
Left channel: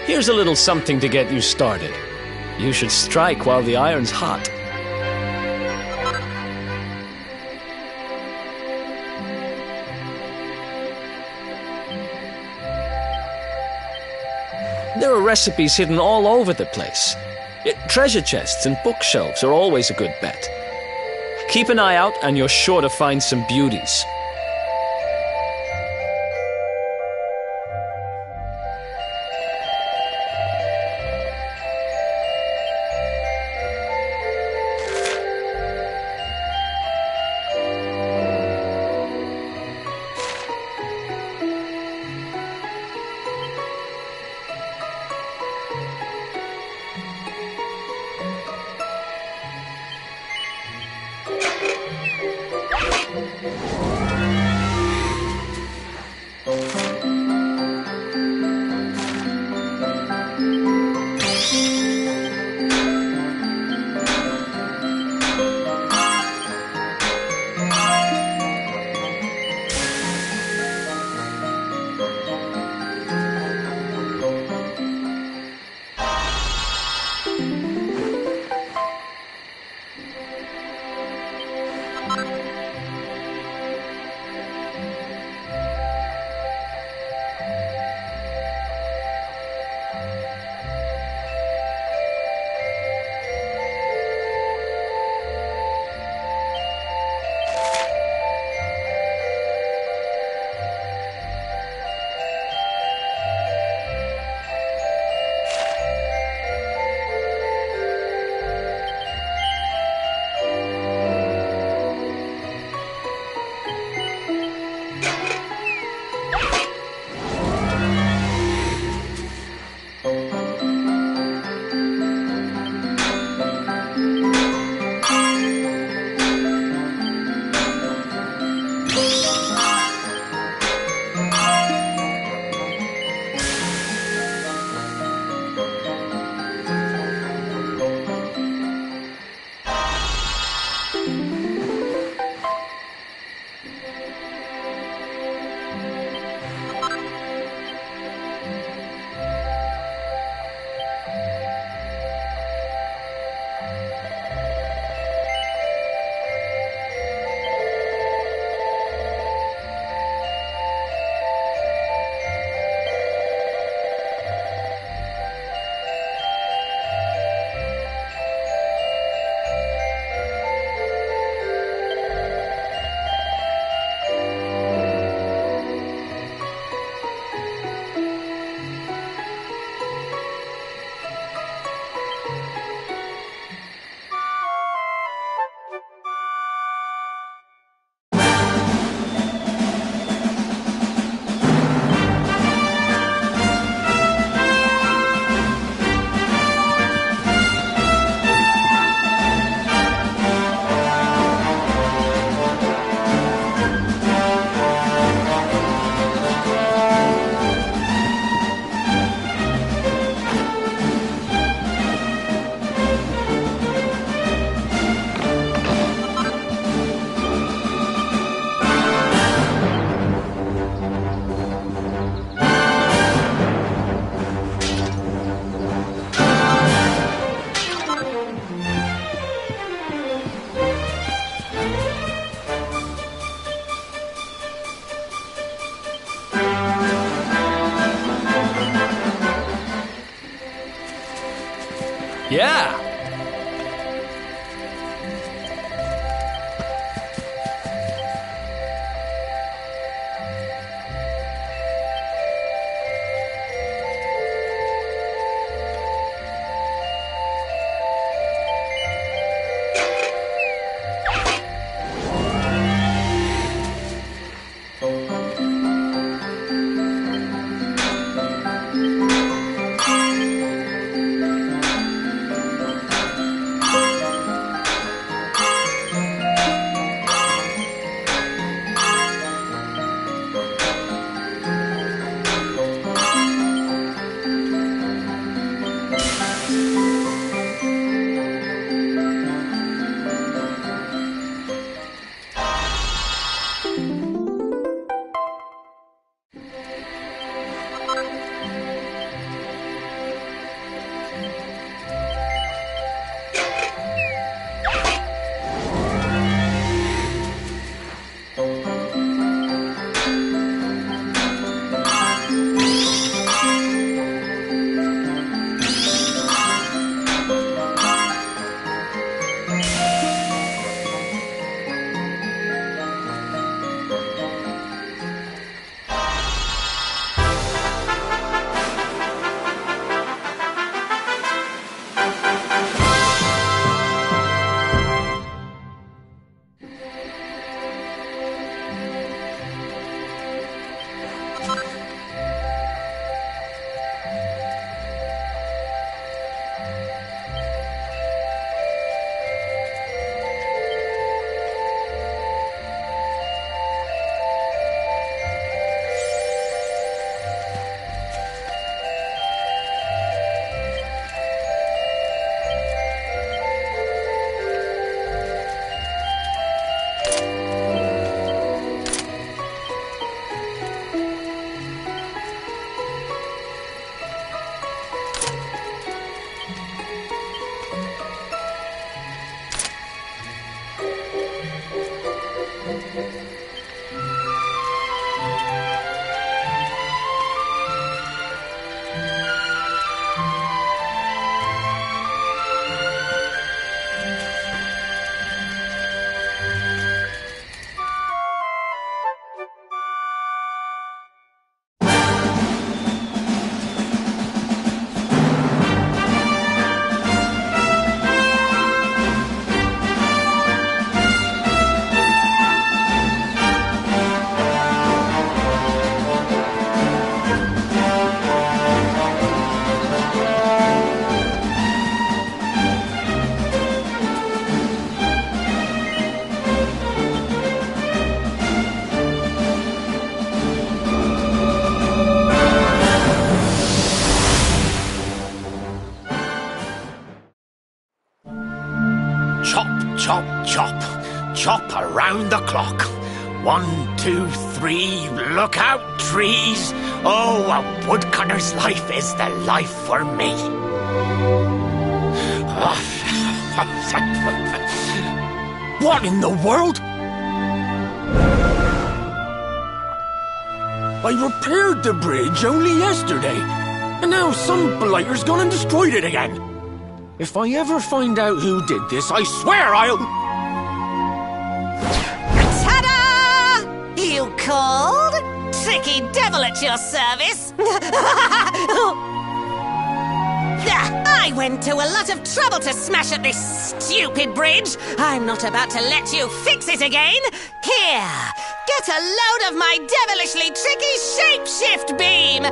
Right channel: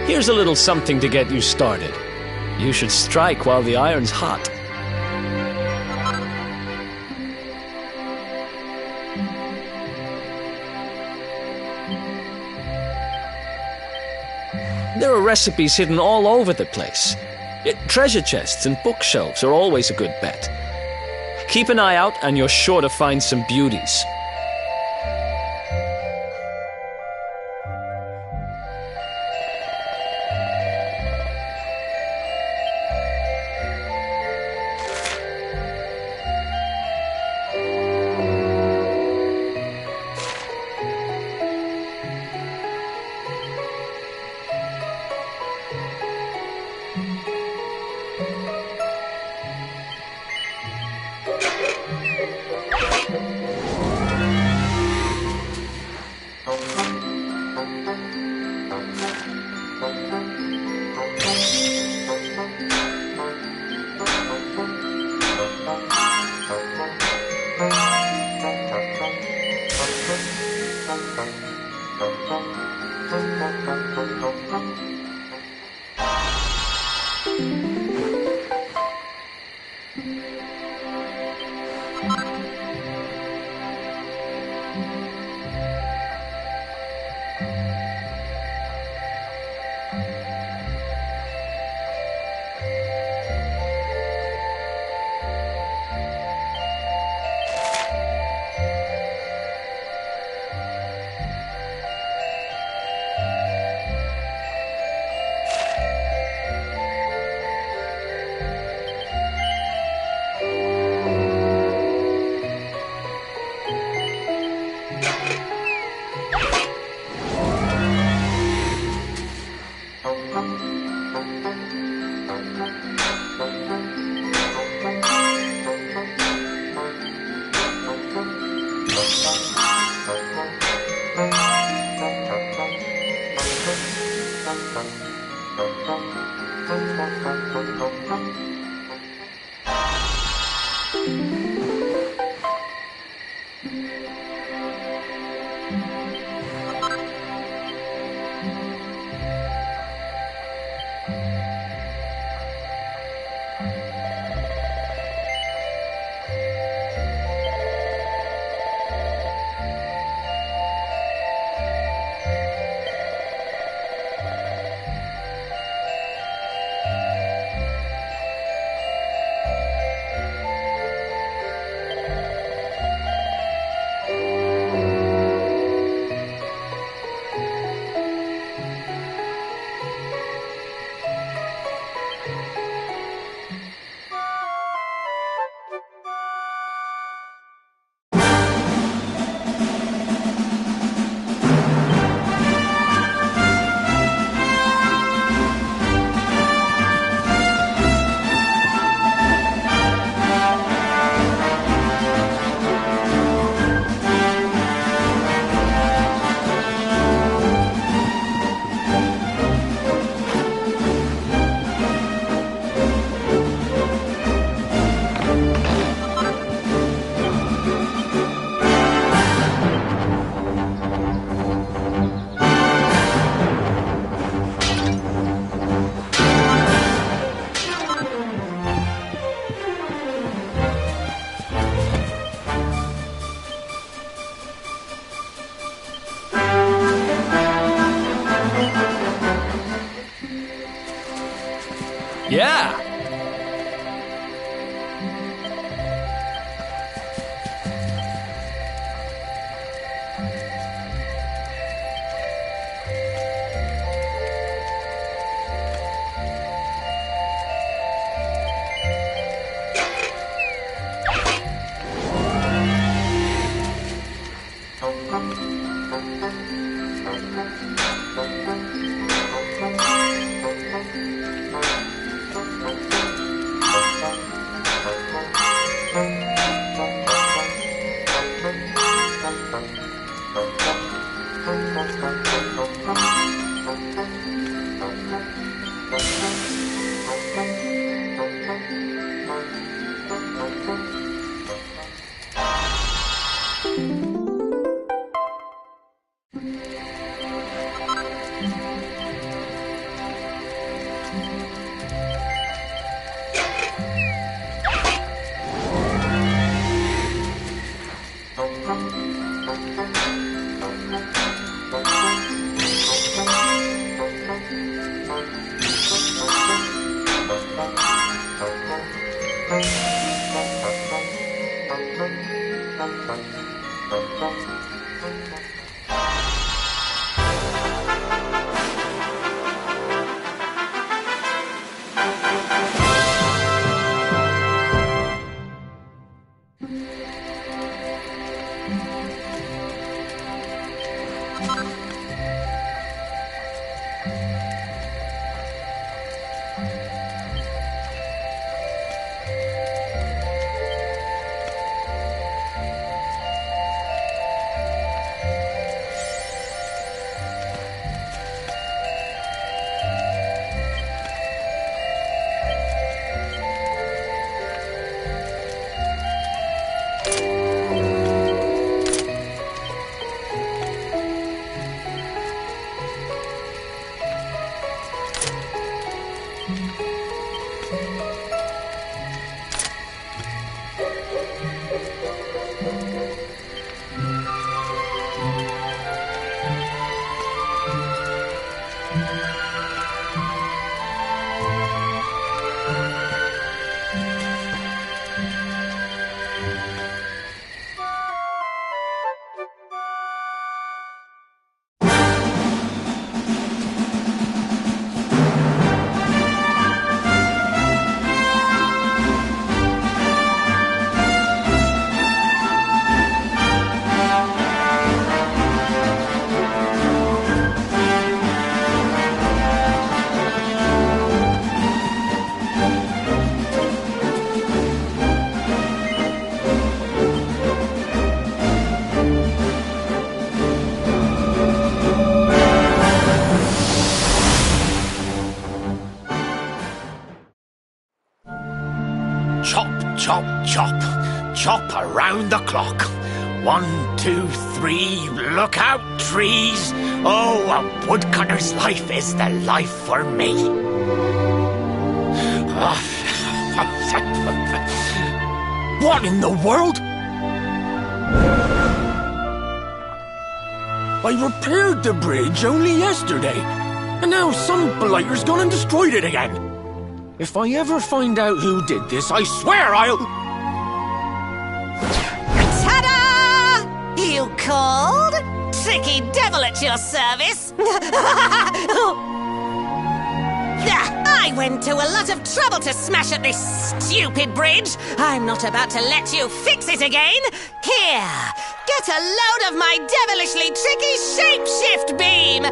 Here's a little something to get you started. You should strike while the iron's hot. There are recipes hidden all over the place. Treasure chests and bookshelves are always a good bet. Keep an eye out and you're sure to find some beauties. Yeah. Chop, chop, chop around the clock. 1, 2, 3, look out, trees. Oh, a woodcutter's life is the life for me. What in the world? I repaired the bridge only yesterday, and now some blighter's gone and destroyed it again. If I ever find out who did this, I swear I'll... Ta-da! You called? Tricky devil at your service. I went to a lot of trouble to smash at this stupid bridge. I'm not about to let you fix it again. Here, get a load of my devilishly tricky shapeshift beam.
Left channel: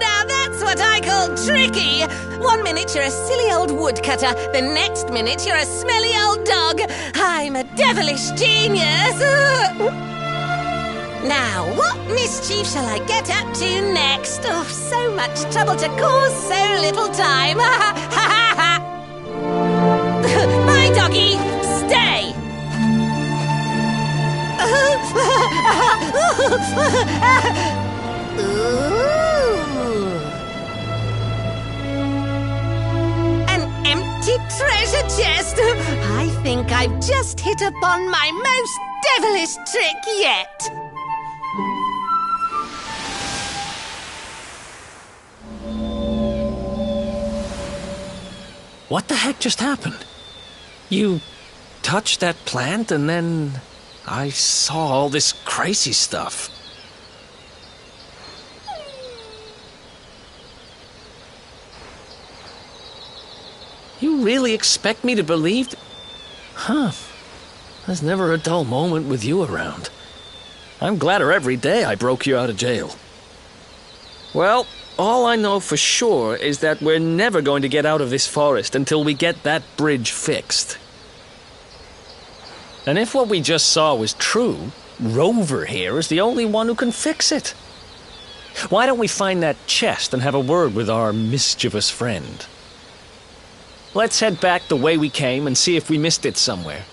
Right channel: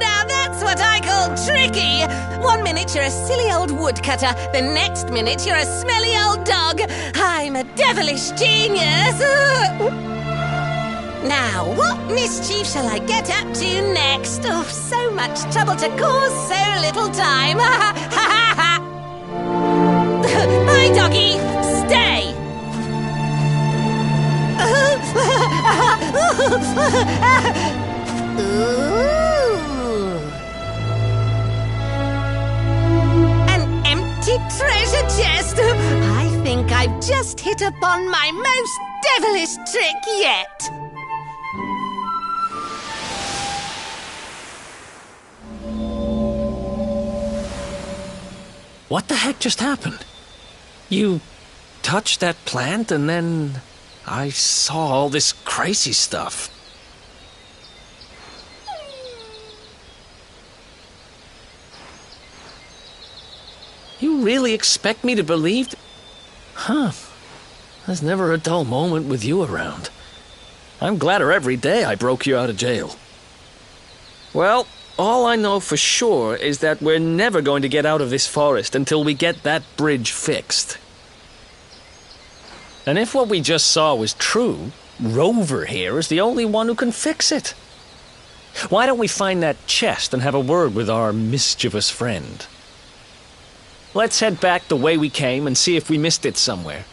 Now that's what I call tricky. 1 minute you're a silly old woodcutter, the next minute you're a smelly old dog. I'm a devilish genius. Now, what mischief shall I get up to next? Oh, so much trouble to cause so little time. Bye, doggy. Stay. Ooh. I've just hit upon my most devilish trick yet. What the heck just happened? You touched that plant and then I saw all this crazy stuff. You really expect me to believe? Huh. There's never a dull moment with you around. I'm gladder every day I broke you out of jail. Well, all I know for sure is that we're never going to get out of this forest until we get that bridge fixed. And if what we just saw was true, Rover here is the only one who can fix it. Why don't we find that chest and have a word with our mischievous friend? Let's head back the way we came and see if we missed it somewhere.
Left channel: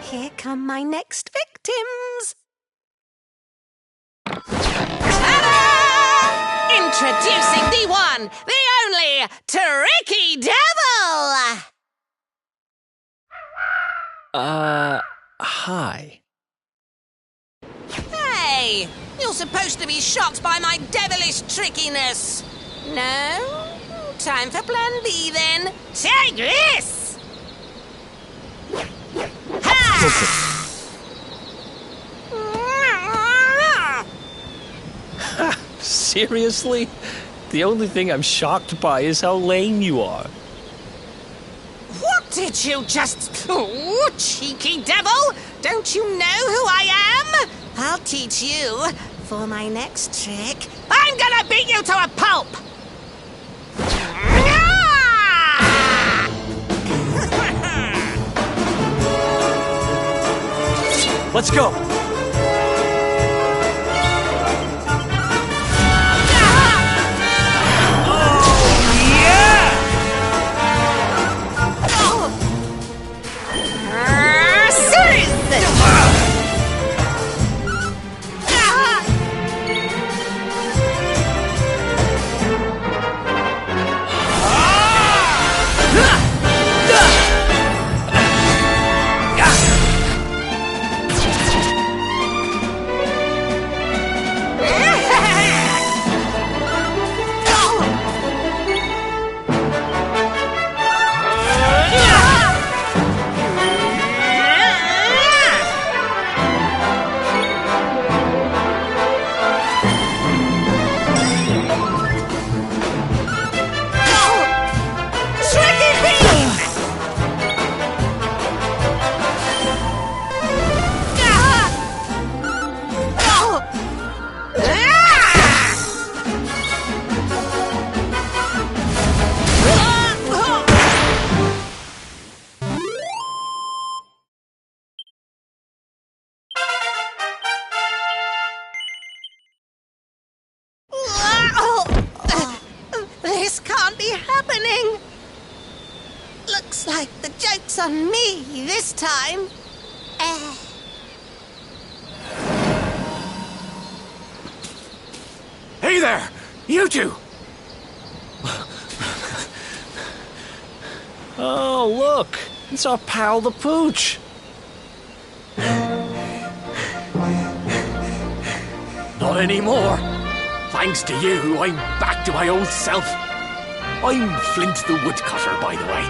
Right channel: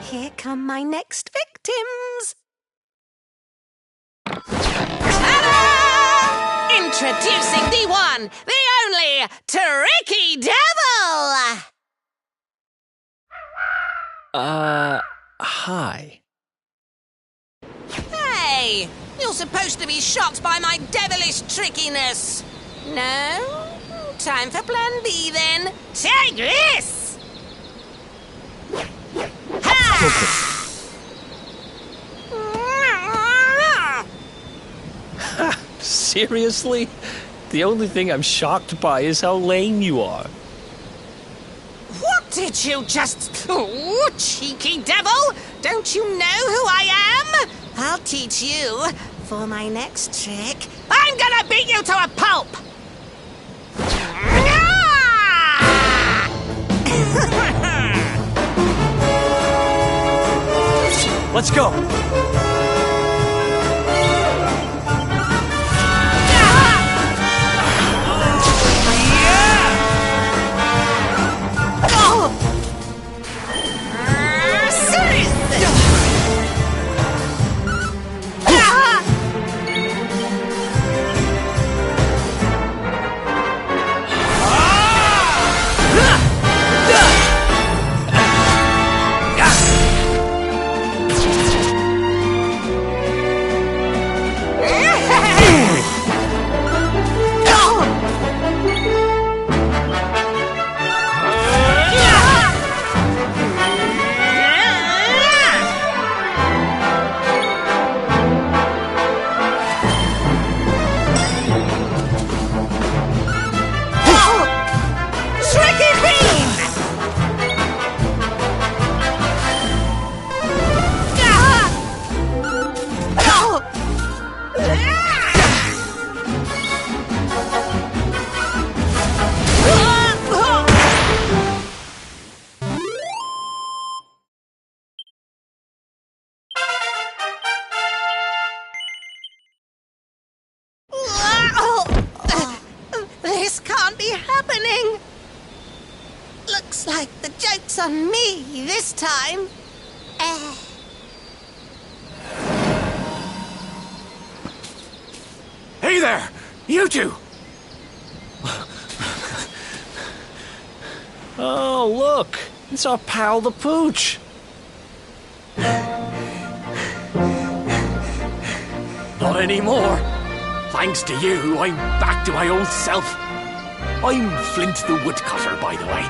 Here come my next victims. Ta-da! Introducing the one, the only, Tricky Devil! Hi. Hey, you're supposed to be shocked by my devilish trickiness. No? Time for plan B then. Take this! Ha! Seriously? The only thing I'm shocked by is how lame you are. What did you just... Oh, cheeky devil! Don't you know who I am? I'll teach you. For my next trick, I'm gonna beat you to a pulp! Let's go! This can't be happening. Looks like the joke's on me this time. Hey there! You two! Oh, look! It's our pal the Pooch! Not anymore. Thanks to you, I'm back to my old self. I'm Flint the Woodcutter, by the way.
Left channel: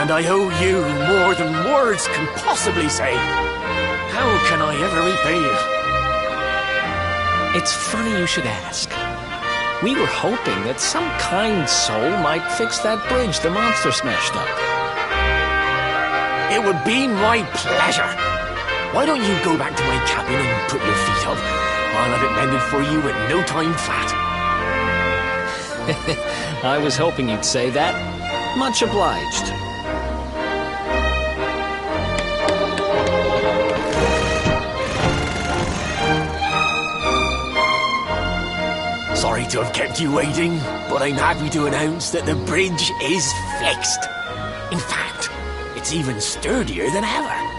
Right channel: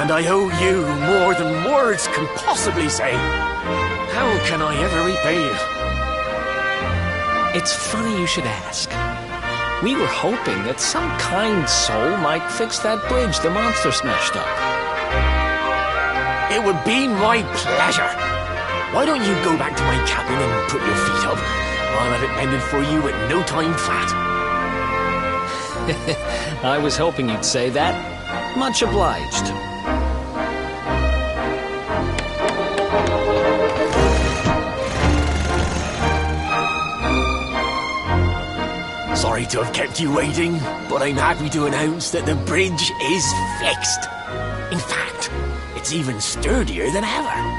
And I owe you more than words can possibly say. How can I ever repay you? It's funny you should ask. We were hoping that some kind soul might fix that bridge the monster smashed up. It would be my pleasure. Why don't you go back to my cabin and put your feet up? I'll have it mended for you in no time flat. I was hoping you'd say that. Much obliged. Sorry to have kept you waiting, but I'm happy to announce that the bridge is fixed. In fact, it's even sturdier than ever.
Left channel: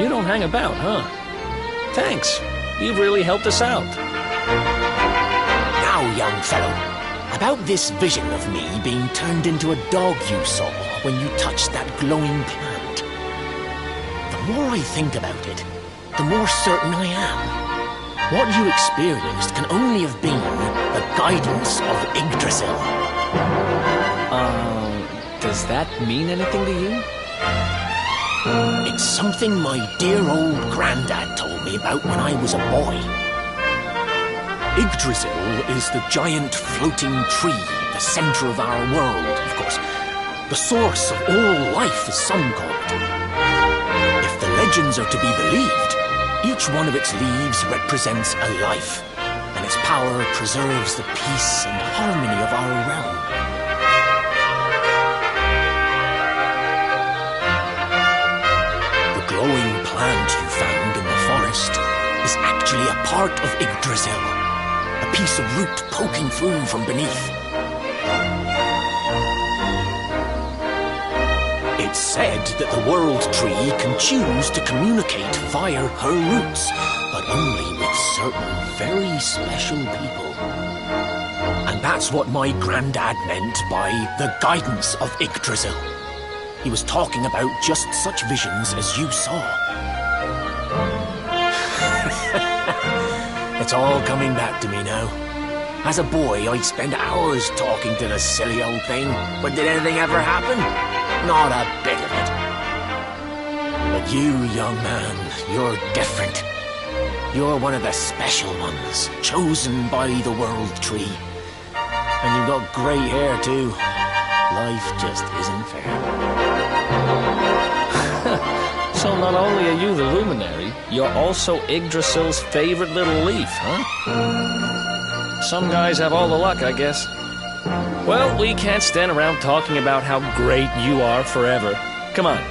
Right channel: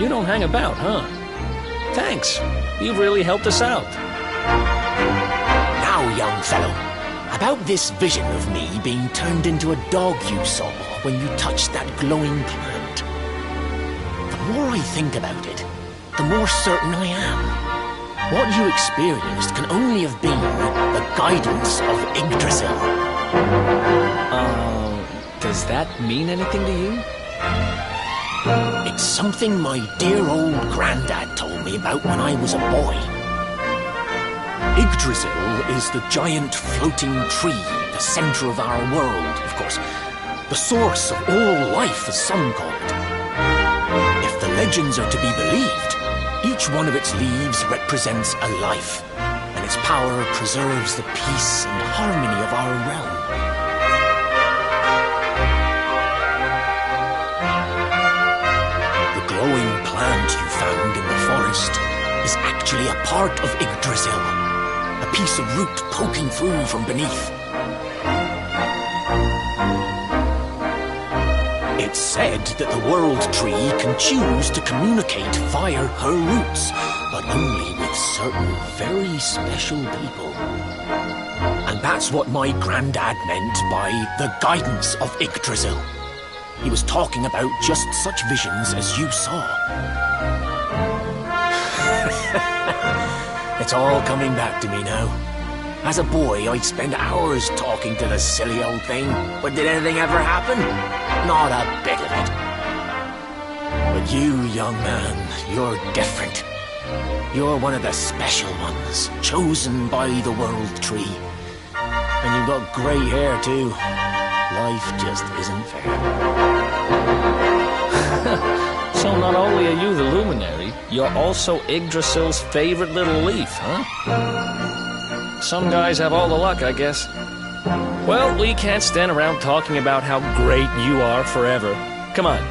You don't hang about, huh? Thanks. You've really helped us out. Now, young fellow, about this vision of me being turned into a dog you saw when you touched that glowing plant. The more I think about it, the more certain I am. What you experienced can only have been the guidance of Yggdrasil. Does that mean anything to you? It's something my dear old granddad told me about when I was a boy. Yggdrasil is the giant floating tree, the center of our world, of course. The source of all life, as some call it. If the legends are to be believed, each one of its leaves represents a life, and its power preserves the peace and harmony of our realm. The glowing plant you found in the forest is actually a part of Yggdrasil, a piece of root poking through from beneath. It's said that the World Tree can choose to communicate via her roots, but only with certain very special people. And that's what my granddad meant by the guidance of Yggdrasil. He was talking about just such visions as you saw. It's all coming back to me now. As a boy, I'd spend hours talking to the silly old thing, but did anything ever happen? Not a bit of it. But you, young man, you're different. You're one of the special ones, chosen by the World Tree. And you've got grey hair, too. Life just isn't fair. So not only are you the luminary, you're also Yggdrasil's favorite little leaf, huh? Some guys have all the luck, I guess. Well, we can't stand around talking about how great you are forever. Come on,